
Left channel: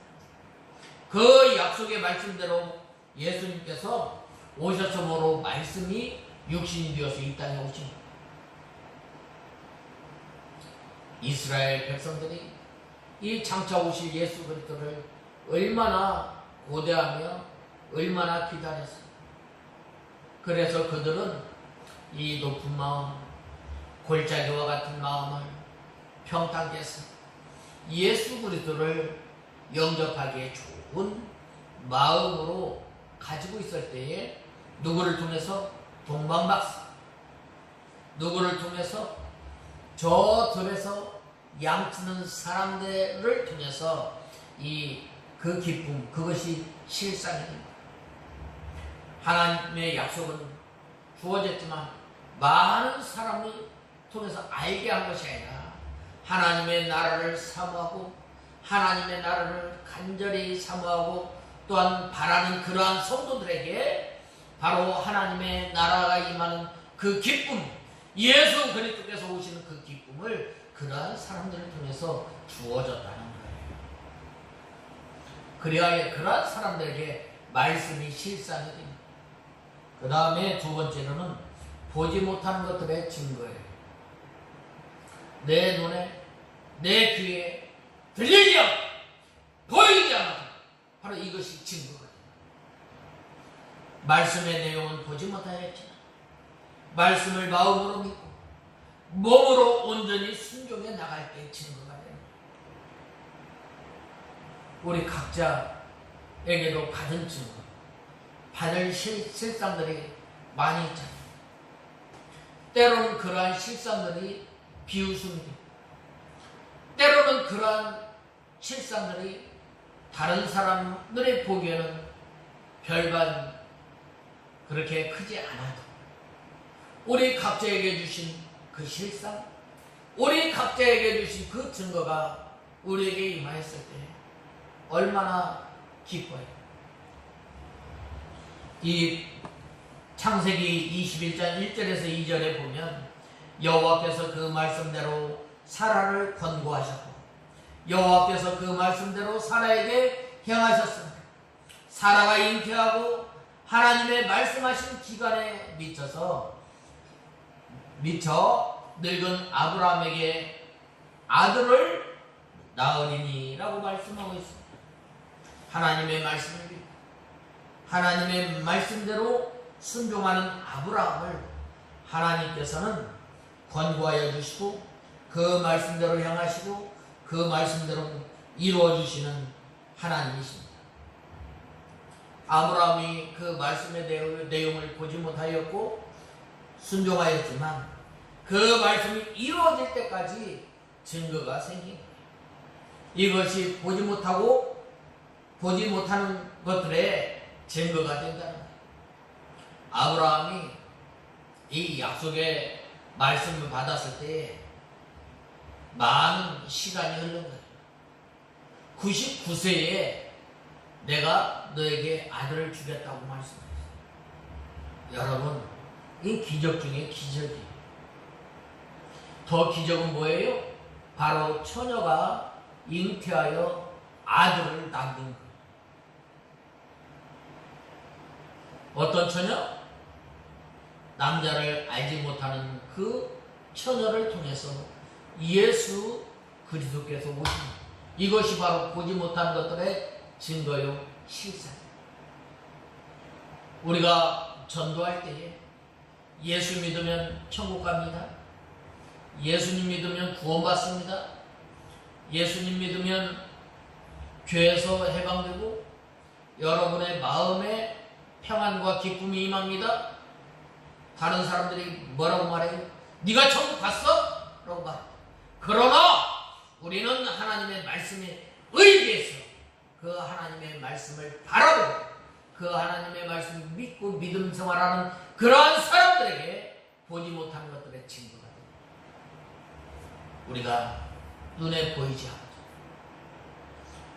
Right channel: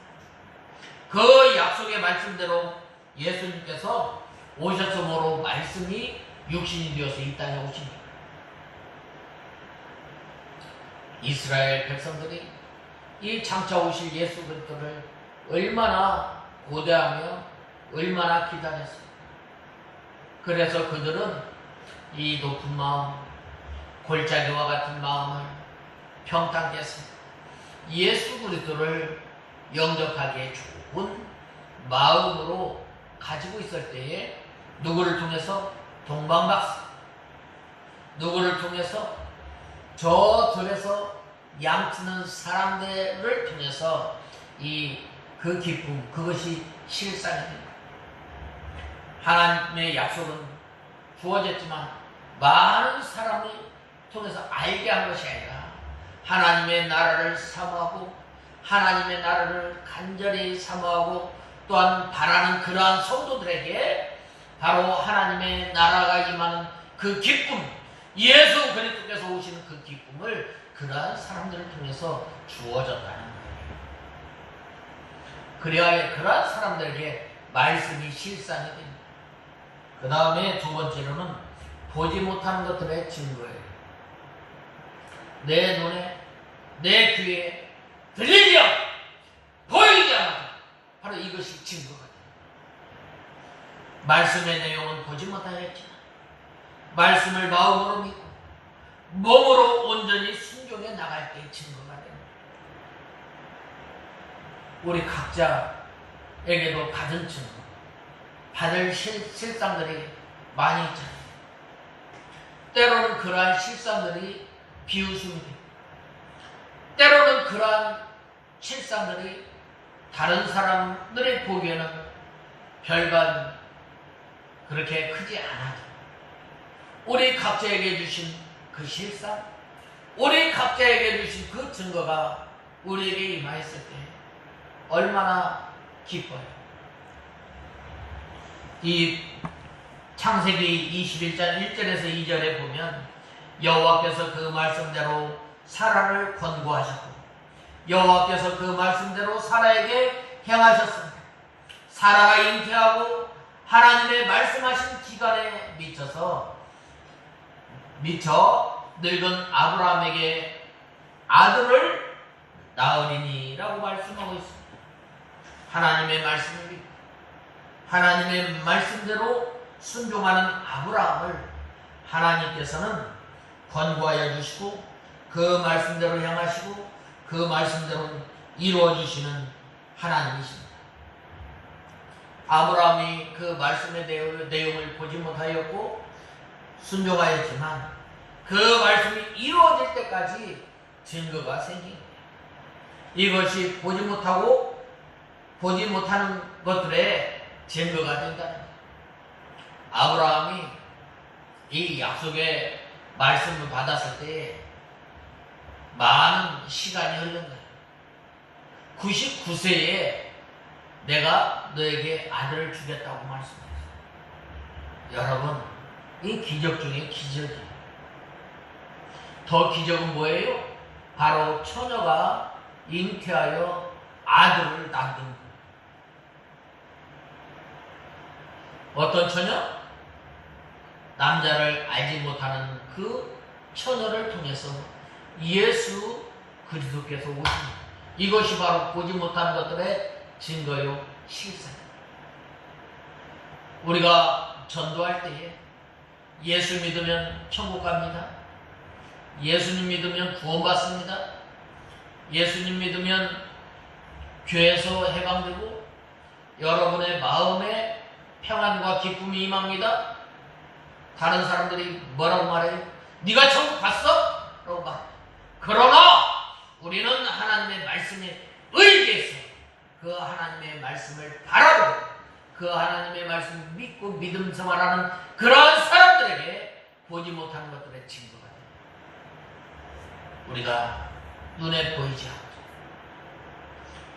그 약속의 말씀대로 예수님께서 오셨으므로 말씀이 육신이 되어서 이 땅에 오십니다. 이스라엘 백성들이 이 장차 오실 예수 그리스도를 얼마나 고대하며 얼마나 기다렸습니다. 그래서 그들은 이 높은 마음, 골짜기와 같은 마음을 평탄케 했습니다. 예수 그리스도를 영접하기에 좋은 마음으로 가지고 있을 때에 누구를 통해서 동방박사, 누구를 통해서 저 들에서 양치는 사람들을 통해서 그 기쁨, 그것이 실상이 됩니다. 하나님의 약속은 주어졌지만 많은 사람을 통해서 알게 한 것이 아니라 하나님의 나라를 사모하고 하나님의 나라를 간절히 사모하고 또한 바라는 그러한 성도들에게 바로 하나님의 나라가 임하는 그 기쁨, 예수 그리스도께서 오시는 그 기쁨을 그러한 사람들을 통해서 주어졌다는 거예요. 그래야 그러한 사람들에게 말씀이 실상이 됩니다. 그 다음에 두 번째로는 보지 못하는 것들의 증거예요. 내 눈에, 내 귀에 들리지 않고 보이지 않고 바로 이것이 증거가 됩니다. 말씀의 내용은 보지 못하였지만 말씀을 마음으로 믿고 몸으로 온전히 순종해 나갈 때 증거가 됩니다. 우리 각자에게도 받은 증거, 받을 실상들이 많이 있잖아요. 때로는 그러한 실상들이 비웃음이 됩니다. 때로는 그러한 실상들이 다른 사람들의 보기에는 별반 그렇게 크지 않아도 우리 각자에게 주신 그 실상, 우리 각자에게 주신 그 증거가 우리에게 임하였을 때 얼마나 기뻐요. 이 창세기 21장 1절에서 2절에 보면 여호와께서 그 말씀대로 사라를 권고하셨고 여호와께서 그 말씀대로 사라에게 행하셨습니다. 사라가 잉태하고 하나님의 말씀하신 기간에 미쳐 늙은 아브라함에게 아들을 낳으리니라고 말씀하고 있습니다. 하나님의 말씀을 믿고 하나님의 말씀대로 순종하는 아브라함을 하나님께서는 권고하여 주시고 그 말씀대로 행하시고 그 말씀대로 이루어 주시는 하나님이십니다. 아브라함이 그 말씀의 내용을 보지 못하였고 순종하였지만 그 말씀이 이루어질 때까지 증거가 생긴 거예요. 이것이 보지 못하는 것들의 증거가 된다는 거예요. 아브라함이 이 약속의 말씀을 받았을 때 많은 시간이 흐른 거예요. 99세에 내가 너에게 아들을 주겠다고 말씀했어요. 여러분, 이 기적 중에 기적이에요. 더 기적은 뭐예요? 바로 처녀가 잉태하여 아들을 낳는 거예요. 어떤 처녀? 남자를 알지 못하는 그 처녀를 통해서 예수 그리스도께서 오십니다. 이것이 바로 보지 못하는 것들의 증거요 실상입니다. 우리가 전도할 때에 예수 믿으면 천국 갑니다. 예수님 믿으면 구원받습니다. 예수님 믿으면 죄에서 해방되고 여러분의 마음에 평안과 기쁨이 임합니다. 다른 사람들이 뭐라고 말해요? 네가 천국 갔어? 라고 말해요. 그러나 우리는 하나님의 말씀에 의지해서 그 하나님의 말씀을 바라보고 그 하나님의 말씀을 믿고 믿음 생활하는 그러한 사람들에게 보지 못하는 것들의 증거가 됩니다. 우리가 눈에 보이지 않고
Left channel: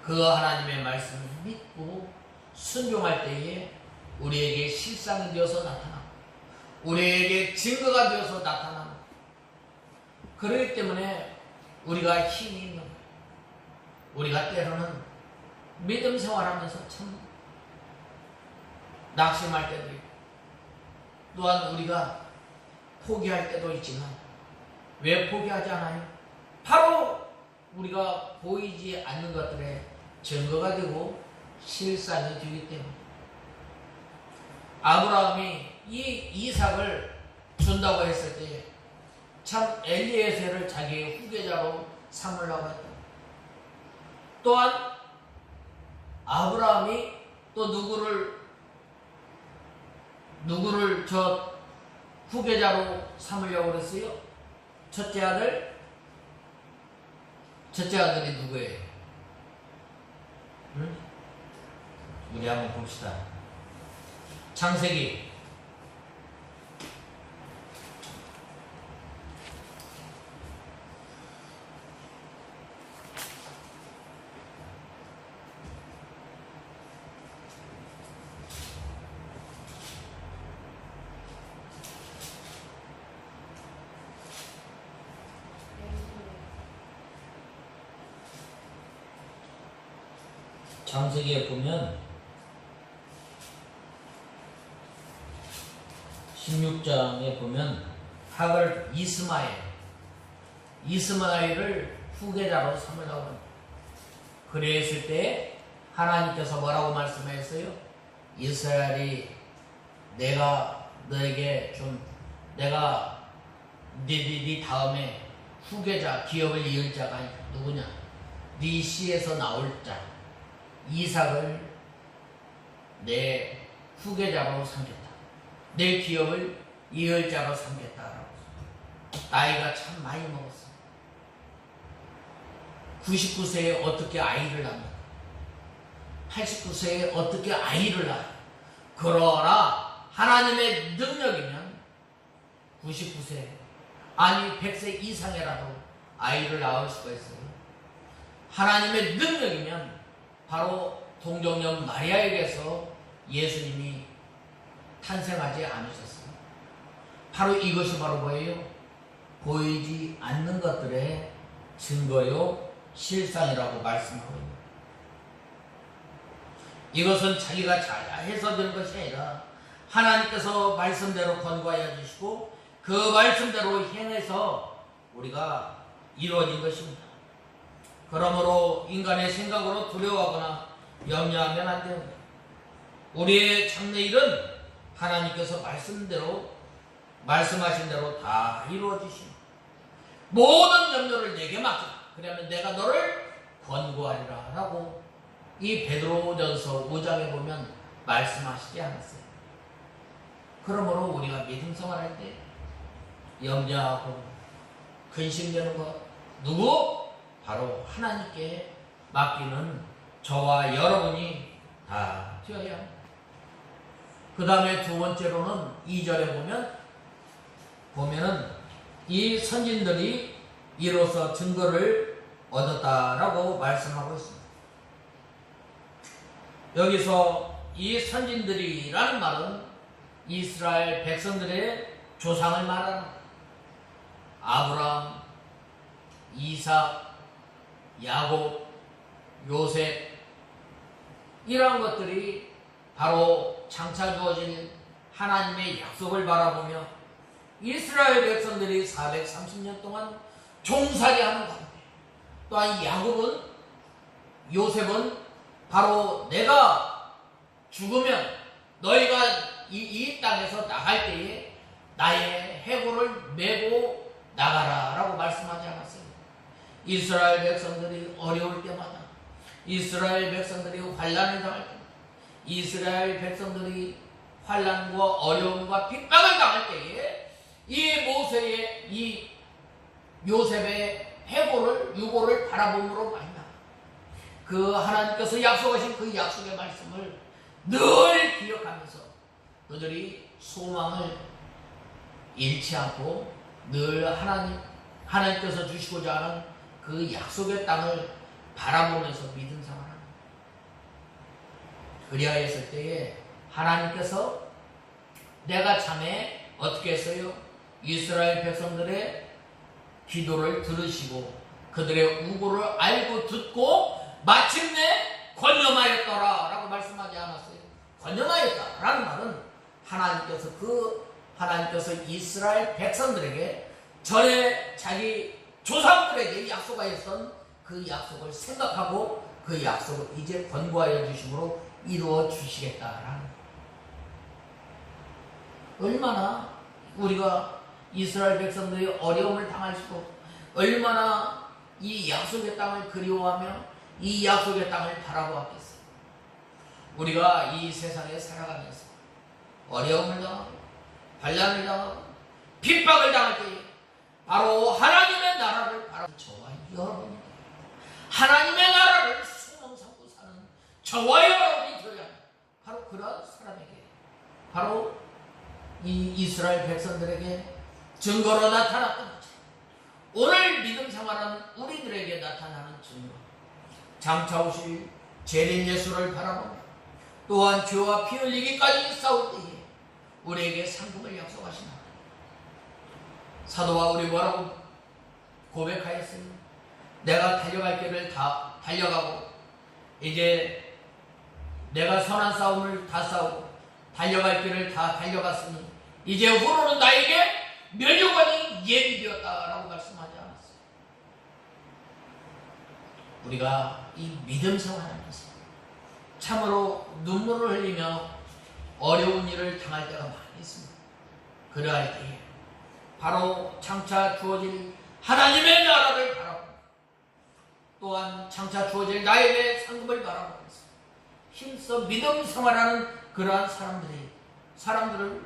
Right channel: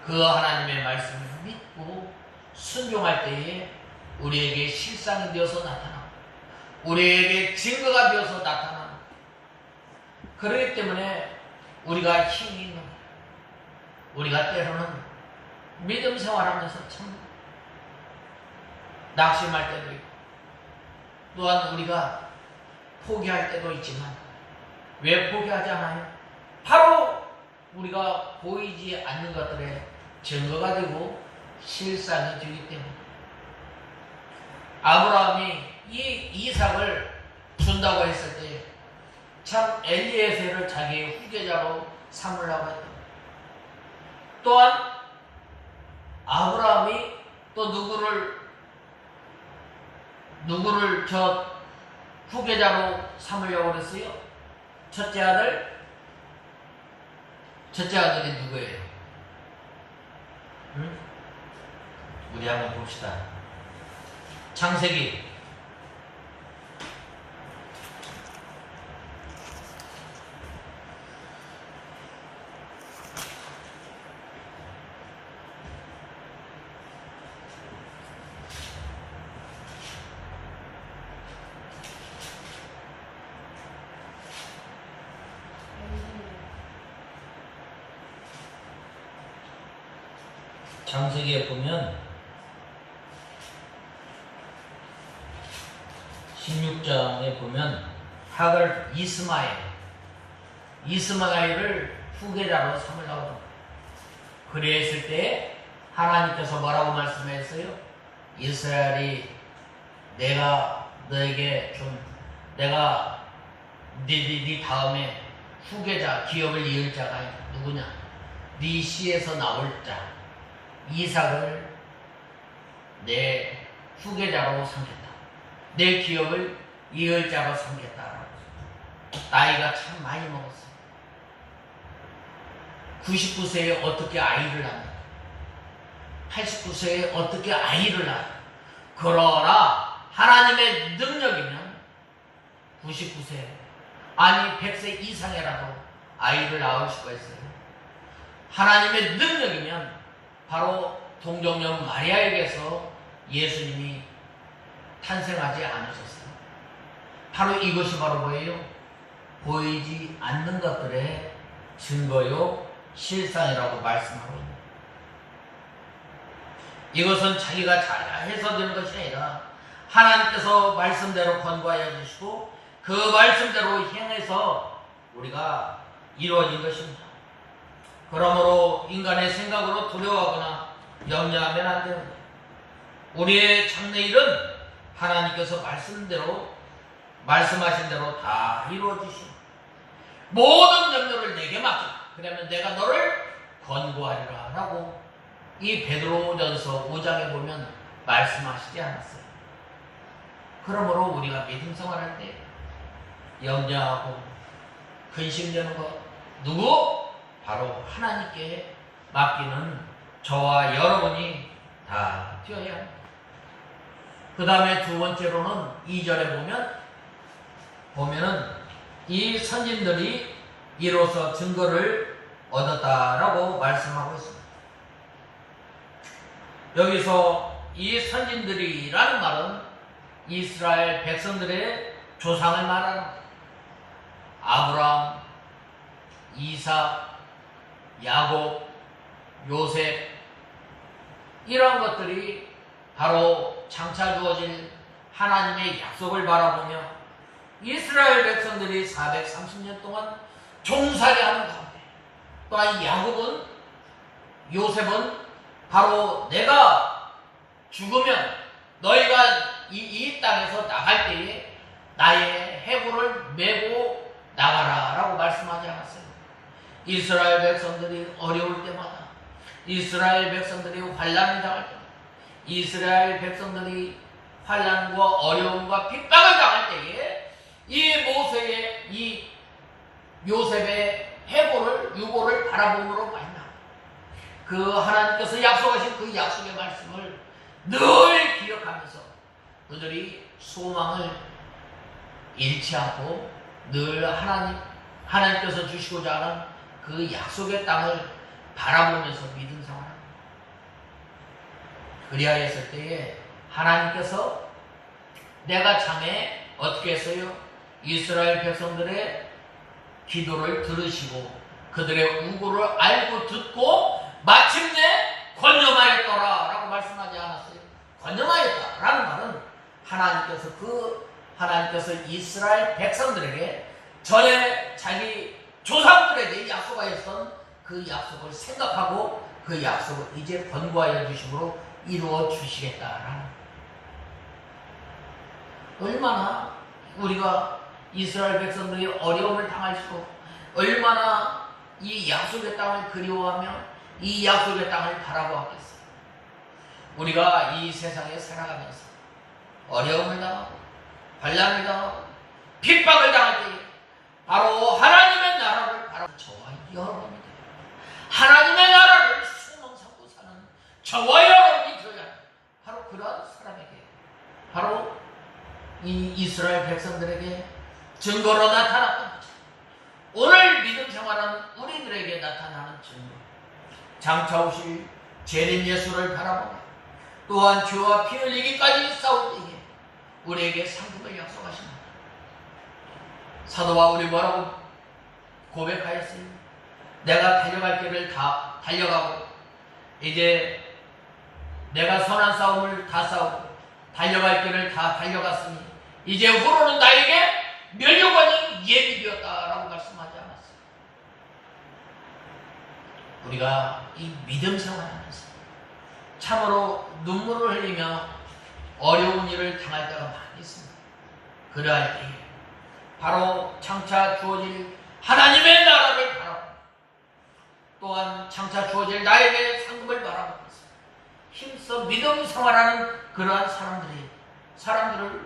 그 하나님의 말씀을 믿고 순종할 때에 우리에게 실상이 되어서 나타나고 우리에게 증거가 되어서 나타나고 그렇기 때문에 우리가 힘이 있는 거예요. 우리가 때로는 믿음 생활하면서 참 낙심할 때도 있고 또한 우리가 포기할 때도 있지만 왜 포기하지 않아요? 바로 우리가 보이지 않는 것들의 증거가 되고 실상이 되기 때문에 아브라함이 이 이삭을 준다고 했을 때 참 엘리에셀을 자기의 후계자로 삼으려고 했다. 또한 아브라함이 또 누구를 누구를 저 후계자로 삼으려고 그랬어요? 첫째 아들? 첫째 아들이 누구예요? 응? 우리 한번 봅시다. 창세기 '장세기에 보면 16장에 보면 하갈 이스마엘을 후계자로 삼으려고 합니다. 그랬을 때 하나님께서 뭐라고 말씀했어요? 이스라엘이 내가 너에게 내가 네 다음에 후계자 기업을 이을 자가 누구냐? 네 씨에서 나올 자 이삭을 내 후계자로 삼겠다. 내 기업을 이을 자로 삼겠다. 나이가 참 많이 먹었어. 99세에 어떻게 아이를 낳냐? 89세에 어떻게 아이를 낳아? 그러나 하나님의 능력이면 99세 아니 100세 이상이라도 아이를 낳을 수가 있어요. 하나님의 능력이면 바로 동정녀 마리아에게서 예수님이 탄생하지 않으셨어요. 바로 이것이 바로 뭐예요? 보이지 않는 것들의 증거요 실상이라고 말씀하고 있는 이것은 자기가 잘해서 되는 것이 아니라 하나님께서 말씀대로 권고하여 주시고 그 말씀대로 행해서 우리가 이루어진 것입니다. 그러므로 인간의 생각으로 두려워하거나 염려하면 안 됩니다. 우리의 참내 일은 하나님께서 말씀하신 대로 다 이루어지십니다. 모든 염려를 내게 맡기라. 그러면 내가 너를 권고하리라 라고 이 베드로전서 5장에 보면 말씀하시지 않았어요. 그러므로 우리가 믿음 생활할 때 염려하고 근심되는 것 누구? 바로 하나님께 맡기는 저와 여러분이 다 되어야 합니다. 그 다음에 두 번째로는 2절에 보면은 이 선진들이 이로써 증거를 얻었다라고 말씀하고 있습니다. 여기서 이 선진들이라는 말은 이스라엘 백성들의 조상을 말하는 아브라함, 이삭, 야곱, 요셉 이런 것들이 바로 장차 주어질 하나님의 약속을 바라보며 이스라엘 백성들이 430년 동안 종살이하는 가운데 또한 야곱은 요셉은 바로 내가 죽으면 너희가 이 땅에서 나갈 때에 나의 해골을 메고 나가라 라고 말씀하지 않았어요. 이스라엘 백성들이 어려울 때마다 이스라엘 백성들이 환난을 당할 때마다 이스라엘 백성들이 환난과 어려움과 핍박을 당할 때에 이 요셉의 유고를 바라봄으로 말미암아 그 하나님께서 약속하신 그 약속의 말씀을 늘 기억하면서 그들이 소망을 잃지 않고 늘 하나님께서 주시고자 하는 그 약속의 땅을 바라보면서 믿음 생활합니다. 그리하였을 때에 하나님께서 내가 참에 어떻게 했어요? 이스라엘 백성들의 기도를 들으시고 그들의 우고를 알고 듣고 마침내 권념하였더라 라고 말씀하지 않았어요. 권념하였다 라는 말은 하나님께서 이스라엘 백성들에게 전에 자기 조상들에게 약속하였던 그 약속을 생각하고 그 약속을 이제 권고하여 주심으로 이루어 주시겠다라는 얼마나 우리가 이스라엘 백성들이 어려움을 당할수록 얼마나 이 약속의 땅을 그리워하며 이 약속의 땅을 바라보았겠어요. 우리가 이 세상에 살아가면서 어려움을 당하고 환난을 당하고 핍박을 당할 때에 바로 하나님의 나라를 바라보는 저와 여러분이 하나님의 나라를 소망 삼고 사는 저와 여러분이 되어야 합니다. 바로 그러한 사람에게 바로 이 이스라엘 백성들에게 증거로 나타났던 거죠. 오늘 믿음 생활하는 우리들에게 나타나는 증거, 장차 오실 재림 예수를 바라보며 또한 죄와 피 흘리기까지 싸울 때에 우리에게 상급을 약속하십니다. 사도 바울이 뭐라고 고백하였어요? 내가 달려갈 길을 다 달려가고 이제 내가 선한 싸움을 다 싸우고 달려갈 길을 다 달려갔으니 이제 후로는 나에게 멸류관이 예비되었다라고 말씀하지 않았어요. 우리가 이 믿음 생활하면서 참으로 눈물을 흘리며 어려운 일을 당할 때가 많이 있습니다. 그러할 때에 바로 장차 주어질 하나님의 나라를 바라보고 또한 장차 주어질 나에게 상급을 바라보면서 힘써 믿음 생활하는 그러한 사람들을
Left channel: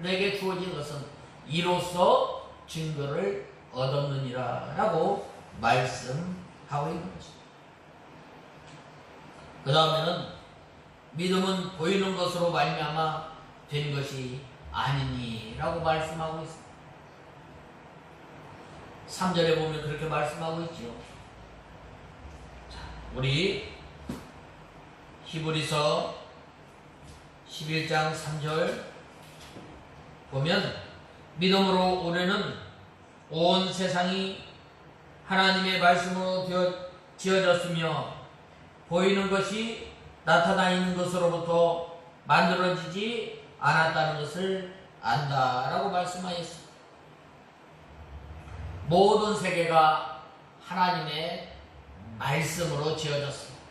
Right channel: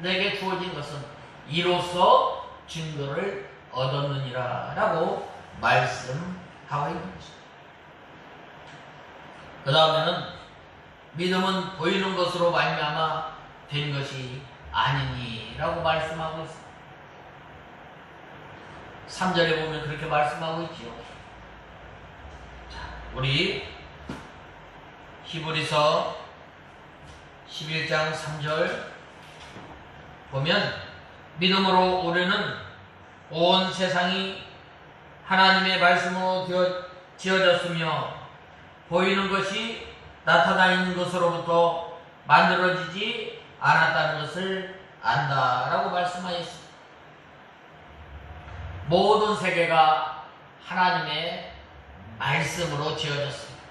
내게 주어진 것은 이로써 증거를 얻었느니라 라고 말씀하고 있는 것입니다. 그 다음에는 믿음은 보이는 것으로 말미암아 된 것이 아니니 라고 말씀하고 있습니다. 3절에 보면 그렇게 말씀하고 있지요. 자, 우리 히브리서 11장 3절 보면 믿음으로 우리는 온 세상이 하나님의 말씀으로 지어졌으며 보이는 것이 나타나 있는 것으로부터 만들어지지 않았다는 것을 안다라고 말씀하였습니다. 모든 세계가 하나님의 말씀으로 지어졌습니다.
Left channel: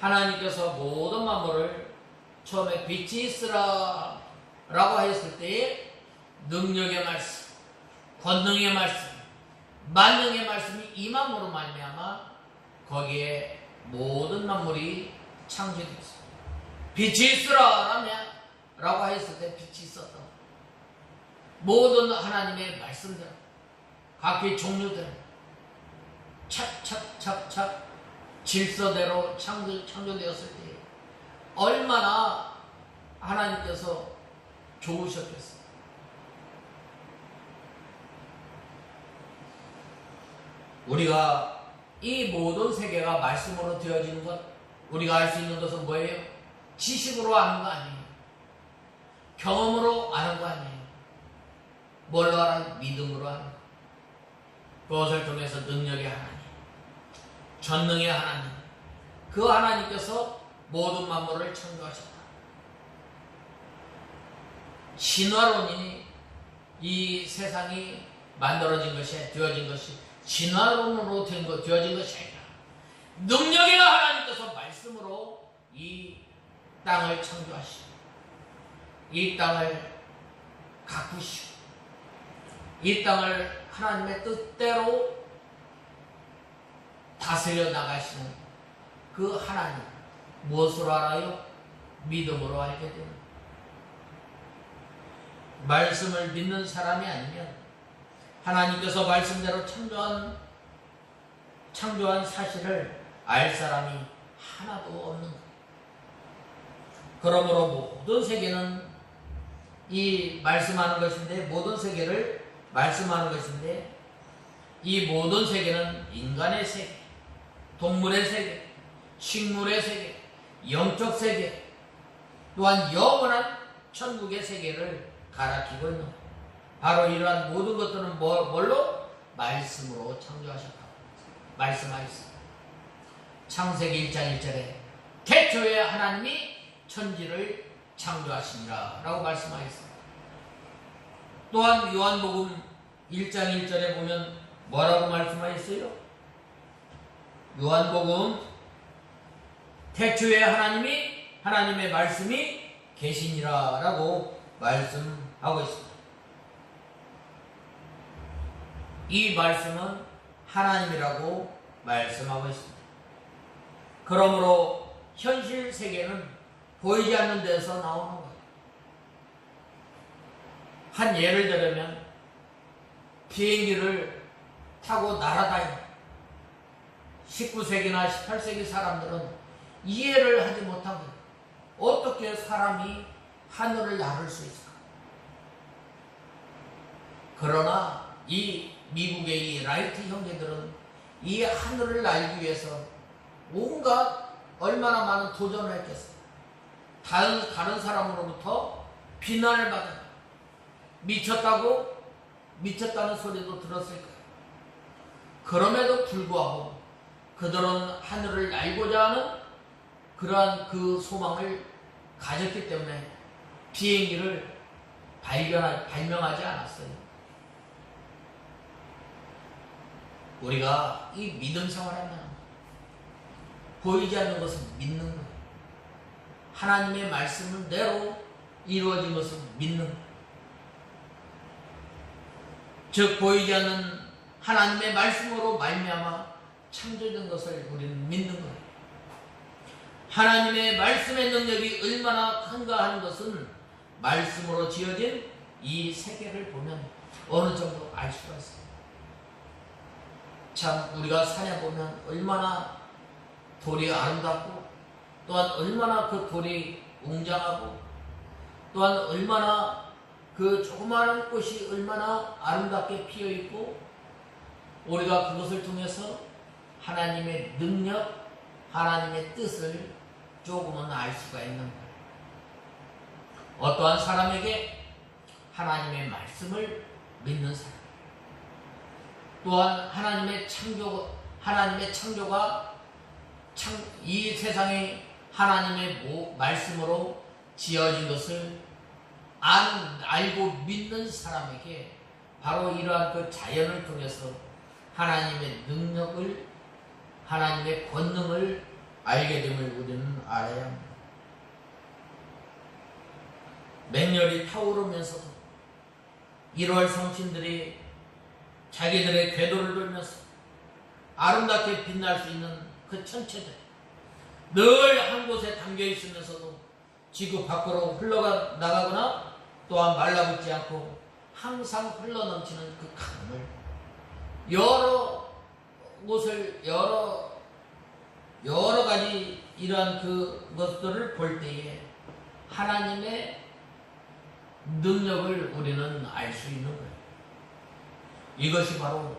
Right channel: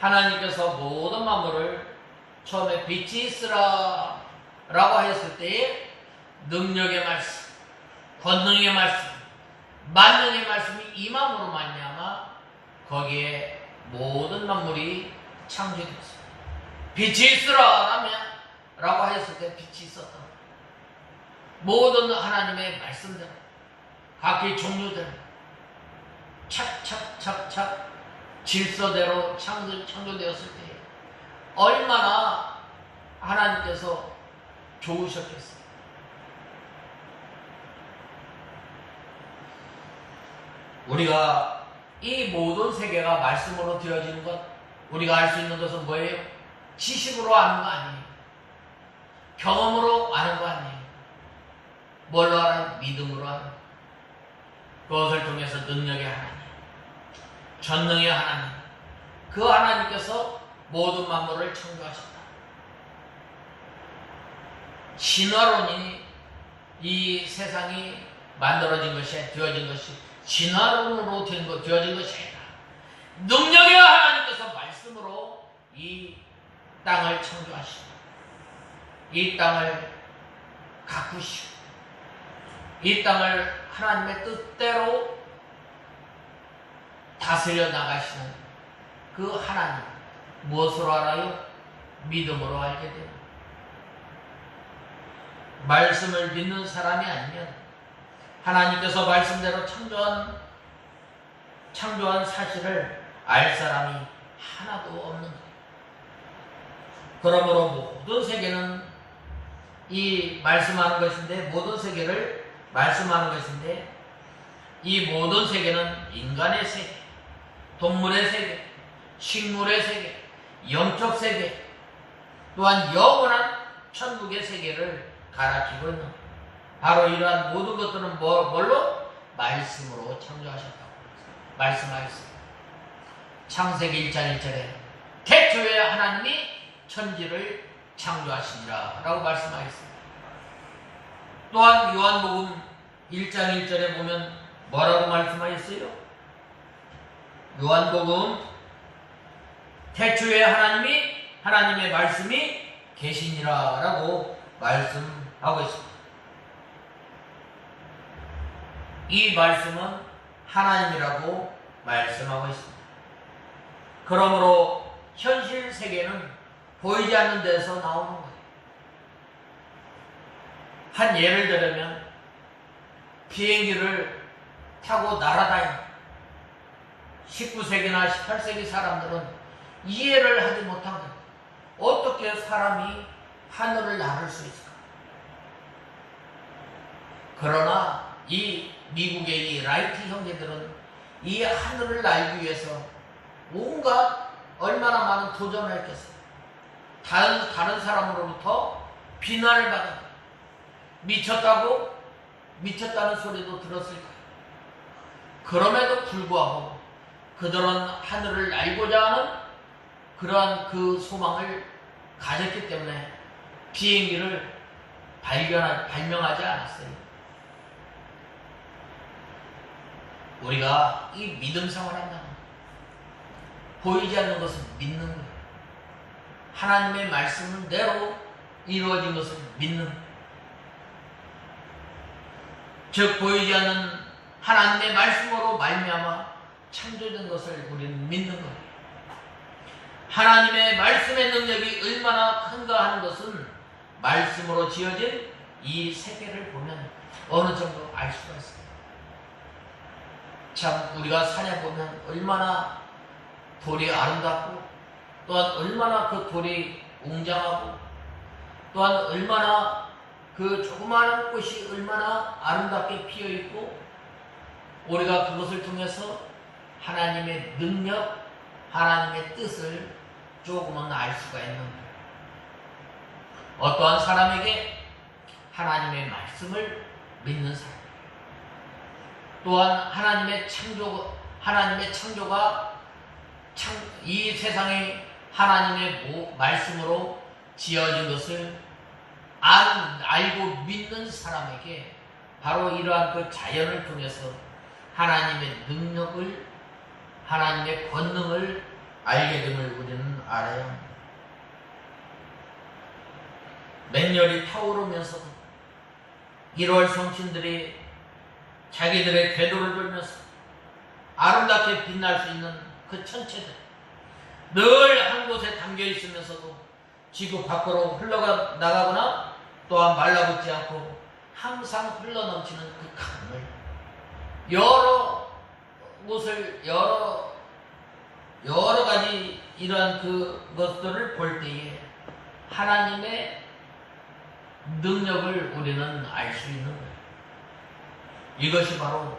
하나님께서 모든 만물을 처음에 빛이 있으라 라고 하였을 때에 능력의 말씀, 권능의 말씀, 만능의 말씀이 임함으로 말미암아 거기에 모든 만물이 창조되었습니다. 빛이 있으라 라고 하였을 때 빛이 있었다. 모든 하나님의 말씀들, 각기 종류들 착착착착 질서대로 창조되었을 때 얼마나 하나님께서 좋으셨겠어요. 우리가 이 모든 세계가 말씀으로 되어지는 것, 우리가 알 수 있는 것은 뭐예요? 지식으로 아는 거 아니에요. 경험으로 아는 거 아니에요. 뭘로 알아요? 믿음으로 아는 거. 그것을 통해서 능력의 하나님, 전능의 하나님, 그 하나님께서 모든 만물을 창조하셨다. 신화론이 이 세상이 만들어진 것이 되어진 것이 신화론으로 되어진 것이 아니라 능력의 하나님께서 말씀으로 이 땅을 창조하시고 이 땅을 가꾸시고 이 땅을 하나님의 뜻대로 다스려 나가시는 그 하나님, 무엇으로 알아요? 믿음으로 알게 됩니다. 말씀을 믿는 사람이 아니면 하나님께서 말씀대로 창조한 사실을 알 사람이 하나도 없는 거예요. 그러므로 모든 세계는 이 말씀하는 것인데, 모든 세계를 말씀하는 것인데, 이 모든 세계는 인간의 세계, 동물의 세계, 식물의 세계, 영적 세계, 또한 영원한 천국의 세계를 가리키고 있는 바로 이러한 모든 것들은 뭘로? 말씀으로 창조하셨다고 말씀하였습니다. 창세기 1장 1절에 태초에 하나님이 천지를 창조하시니라 라고 말씀하였습니다. 또한 요한복음 1장 1절에 보면 뭐라고 말씀하였어요? 요한복음 태초에 하나님의 말씀이 계시니라 라고 말씀하고 있습니다. 이 말씀은 하나님이라고 말씀하고 있습니다. 그러므로 현실 세계는 보이지 않는 데서 나오는 거예요. 한 예를 들면 비행기를 타고 날아다니는 19세기나 18세기 사람들은 이해를 하지 못한 거예요. 어떻게 사람이 하늘을 나를 수 있을까? 그러나 이 미국의 이 라이트 형제들은 이 하늘을 날기 위해서 온갖 얼마나 많은 도전을 했겠어요. 다른 사람으로부터 비난을 받은 미쳤다고 미쳤다는 소리도 들었을 거예요. 그럼에도 불구하고 그들은 하늘을 날고자 하는 그러한 그 소망을 가졌기 때문에 비행기를 발명하지 않았어요. 우리가 이 믿음 생활한다는 보이지 않는 것을 믿는 거예요. 하나님의 말씀대로 이루어진 것을 믿는 거예요. 즉 보이지 않는 하나님의 말씀으로 말미암아 창조된 것을 우리는 믿는 거예요. 하나님의 말씀의 능력이 얼마나 큰가 하는 것은 말씀으로 지어진 이 세계를 보면 어느 정도 알 수가 있어요. 참 우리가 산에 보면 얼마나 돌이 아름답고 또한 얼마나 그 돌이 웅장하고 또한 얼마나 그 조그마한 꽃이 얼마나 아름답게 피어있고 우리가 그것을 통해서 하나님의 능력, 하나님의 뜻을 조금은 알 수가 있는 거예요. 어떠한 사람에게 하나님의 말씀을 믿는 사람, 또한 하나님의 창조가 이 세상이 하나님의 말씀으로 지어진 것을 알고 믿는 사람에게 바로 이러한 그 자연을 통해서 하나님의 능력을, 하나님의 권능을 알게 됨을 우리는 알아야 합니다. 맹렬히 타오르면서도 1월 성신들이 자기들의 궤도를 돌면서 아름답게 빛날 수 있는 그 천체들, 늘 한 곳에 담겨 있으면서도 지구 밖으로 흘러나가거나 또한 말라붙지 않고 항상 흘러넘치는 그 강물, 여러 곳을 여러 가지 이런 그 것들을 볼 때에 하나님의 능력을 우리는 알 수 있는 거예요. 이것이 바로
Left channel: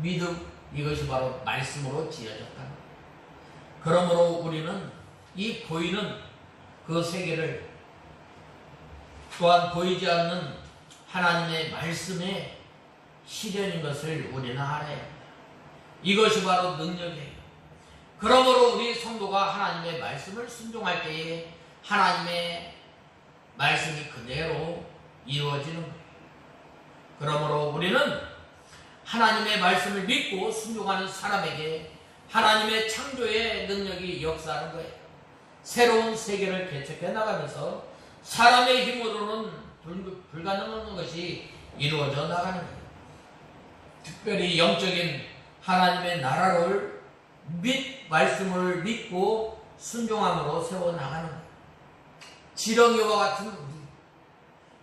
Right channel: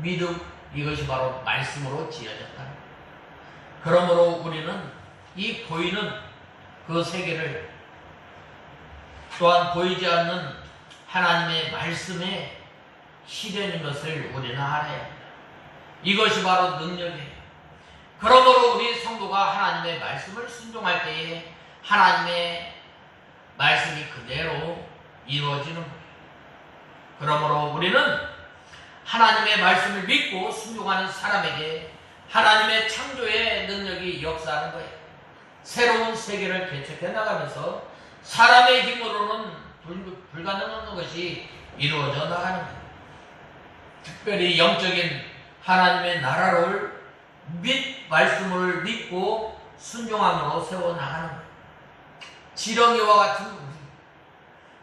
믿음, 이것이 바로 말씀으로 지어졌다. 그러므로 우리는 이 보이는 그 세계를 또한 보이지 않는 하나님의 말씀의 실현인 것을 우리는 알아야 합니다. 이것이 바로 능력이에요. 그러므로 우리 성도가 하나님의 말씀을 순종할 때에 하나님의 말씀이 그대로 이루어지는 거예요. 그러므로 우리는 하나님의 말씀을 믿고 순종하는 사람에게 하나님의 창조의 능력이 역사하는 거예요. 새로운 세계를 개척해 나가면서 사람의 힘으로는 불가능한 것이 이루어져 나가는 거예요. 특별히 영적인 하나님의 나라를 말씀을 믿고 순종함으로 세워나가는 거예요. 지렁이와 같은 우리,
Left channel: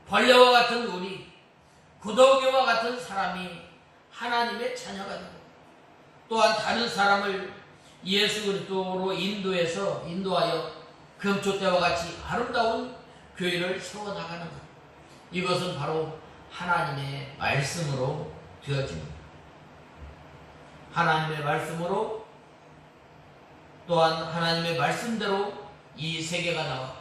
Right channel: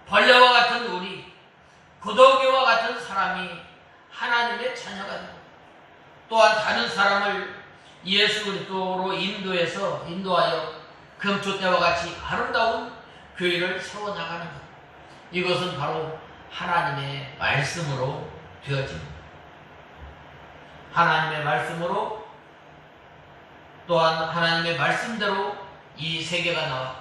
벌레와 같은 우리, 구더기와 같은 사람이 하나님의 자녀가 되고 또한 다른 사람을 예수 그리스도로 인도하여 금초 때와 같이 아름다운 교회를 세워나가는 것, 이것은 바로 하나님의 말씀으로 되어집니다. 하나님의 말씀으로 또한 하나님의 말씀대로 이 세계가 나와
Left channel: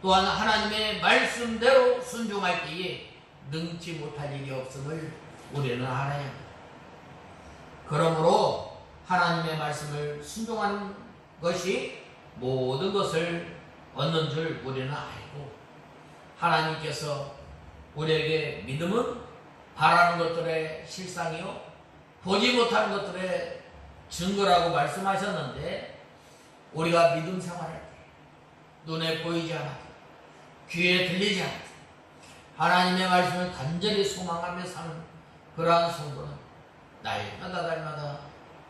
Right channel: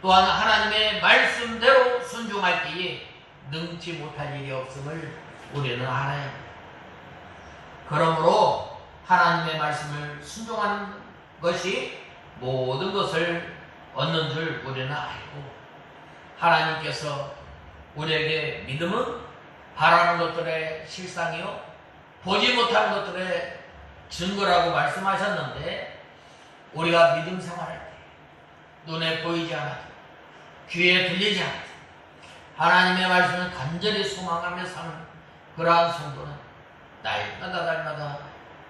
또한 하나님의 말씀대로 순종할 때에 능치 못할 일이 없음을 우리는 알아야 합니다. 그러므로 하나님의 말씀을 순종하는 것이 모든 것을 얻는 줄 우리는 알고, 하나님께서 우리에게 믿음은 바라는 것들의 실상이요 보지 못하는 것들의 증거라고 말씀하셨는데, 우리가 믿음 생활할 때 눈에 보이지 않아도 귀에 들리지 않아도 하나님의 말씀을 간절히 소망하며 사는 그러한 성도는 날마다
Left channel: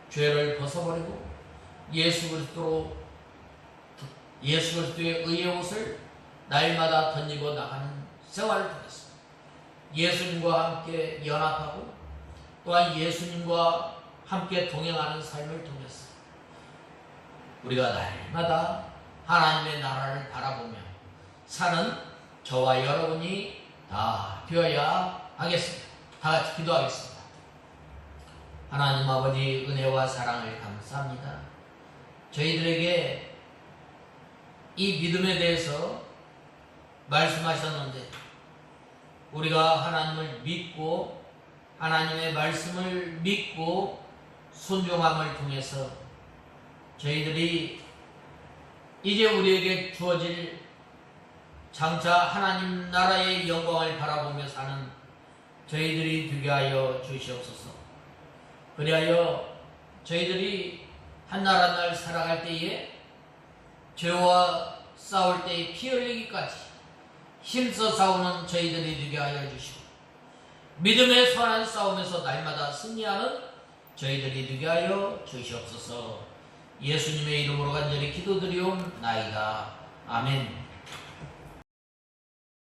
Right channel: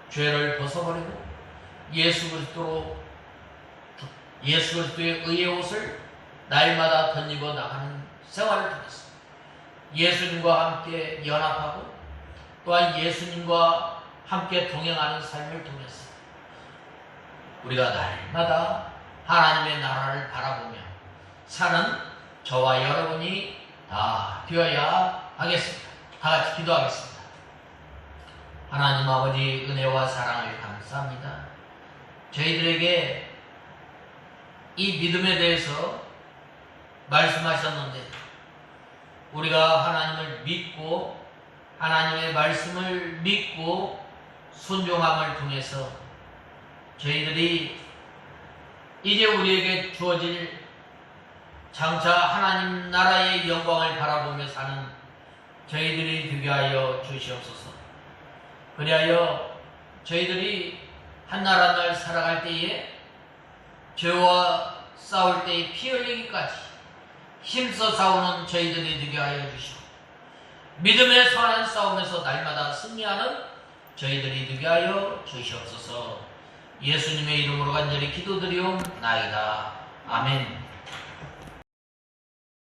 죄를 벗어버리고 예수 그리스도로 예수 그리스도의 의의 옷을 날마다 덧입어 나가는 생활을 통해서 예수님과 함께 연합하고 또한 예수님과 함께 동행하는 삶을 통해서 우리가 날마다 하나님의 나라를 바라보며 사는 저와 여러분이 다 되어야 하겠습니다. 다 같이 기도하겠습니다. 하나님 아버지 은혜와 사랑을 감사합니다. 저희들에게 이 믿음에 대해서 말씀하셨는데 우리가 하나님을 믿고 하나님의 말씀을 믿고 순종함을 통해서 저희들이 이제 우리에게 주어질 장차 하나님 나라의 영광을 바라보며 사는 저희들이 되게 하여 주시옵소서. 그리하여 저희들이 한 날 한 날 살아갈 때에 죄와 싸울 때에 피 흘리기까지 힘써 싸우는 저희들이 되게 하여 주시고 믿음의 선한 싸움에서 날마다 승리하는 저희들이 되게 하여 주시옵소서. 예수님의 이름으로 간절히 기도드리옵나이다. 아멘.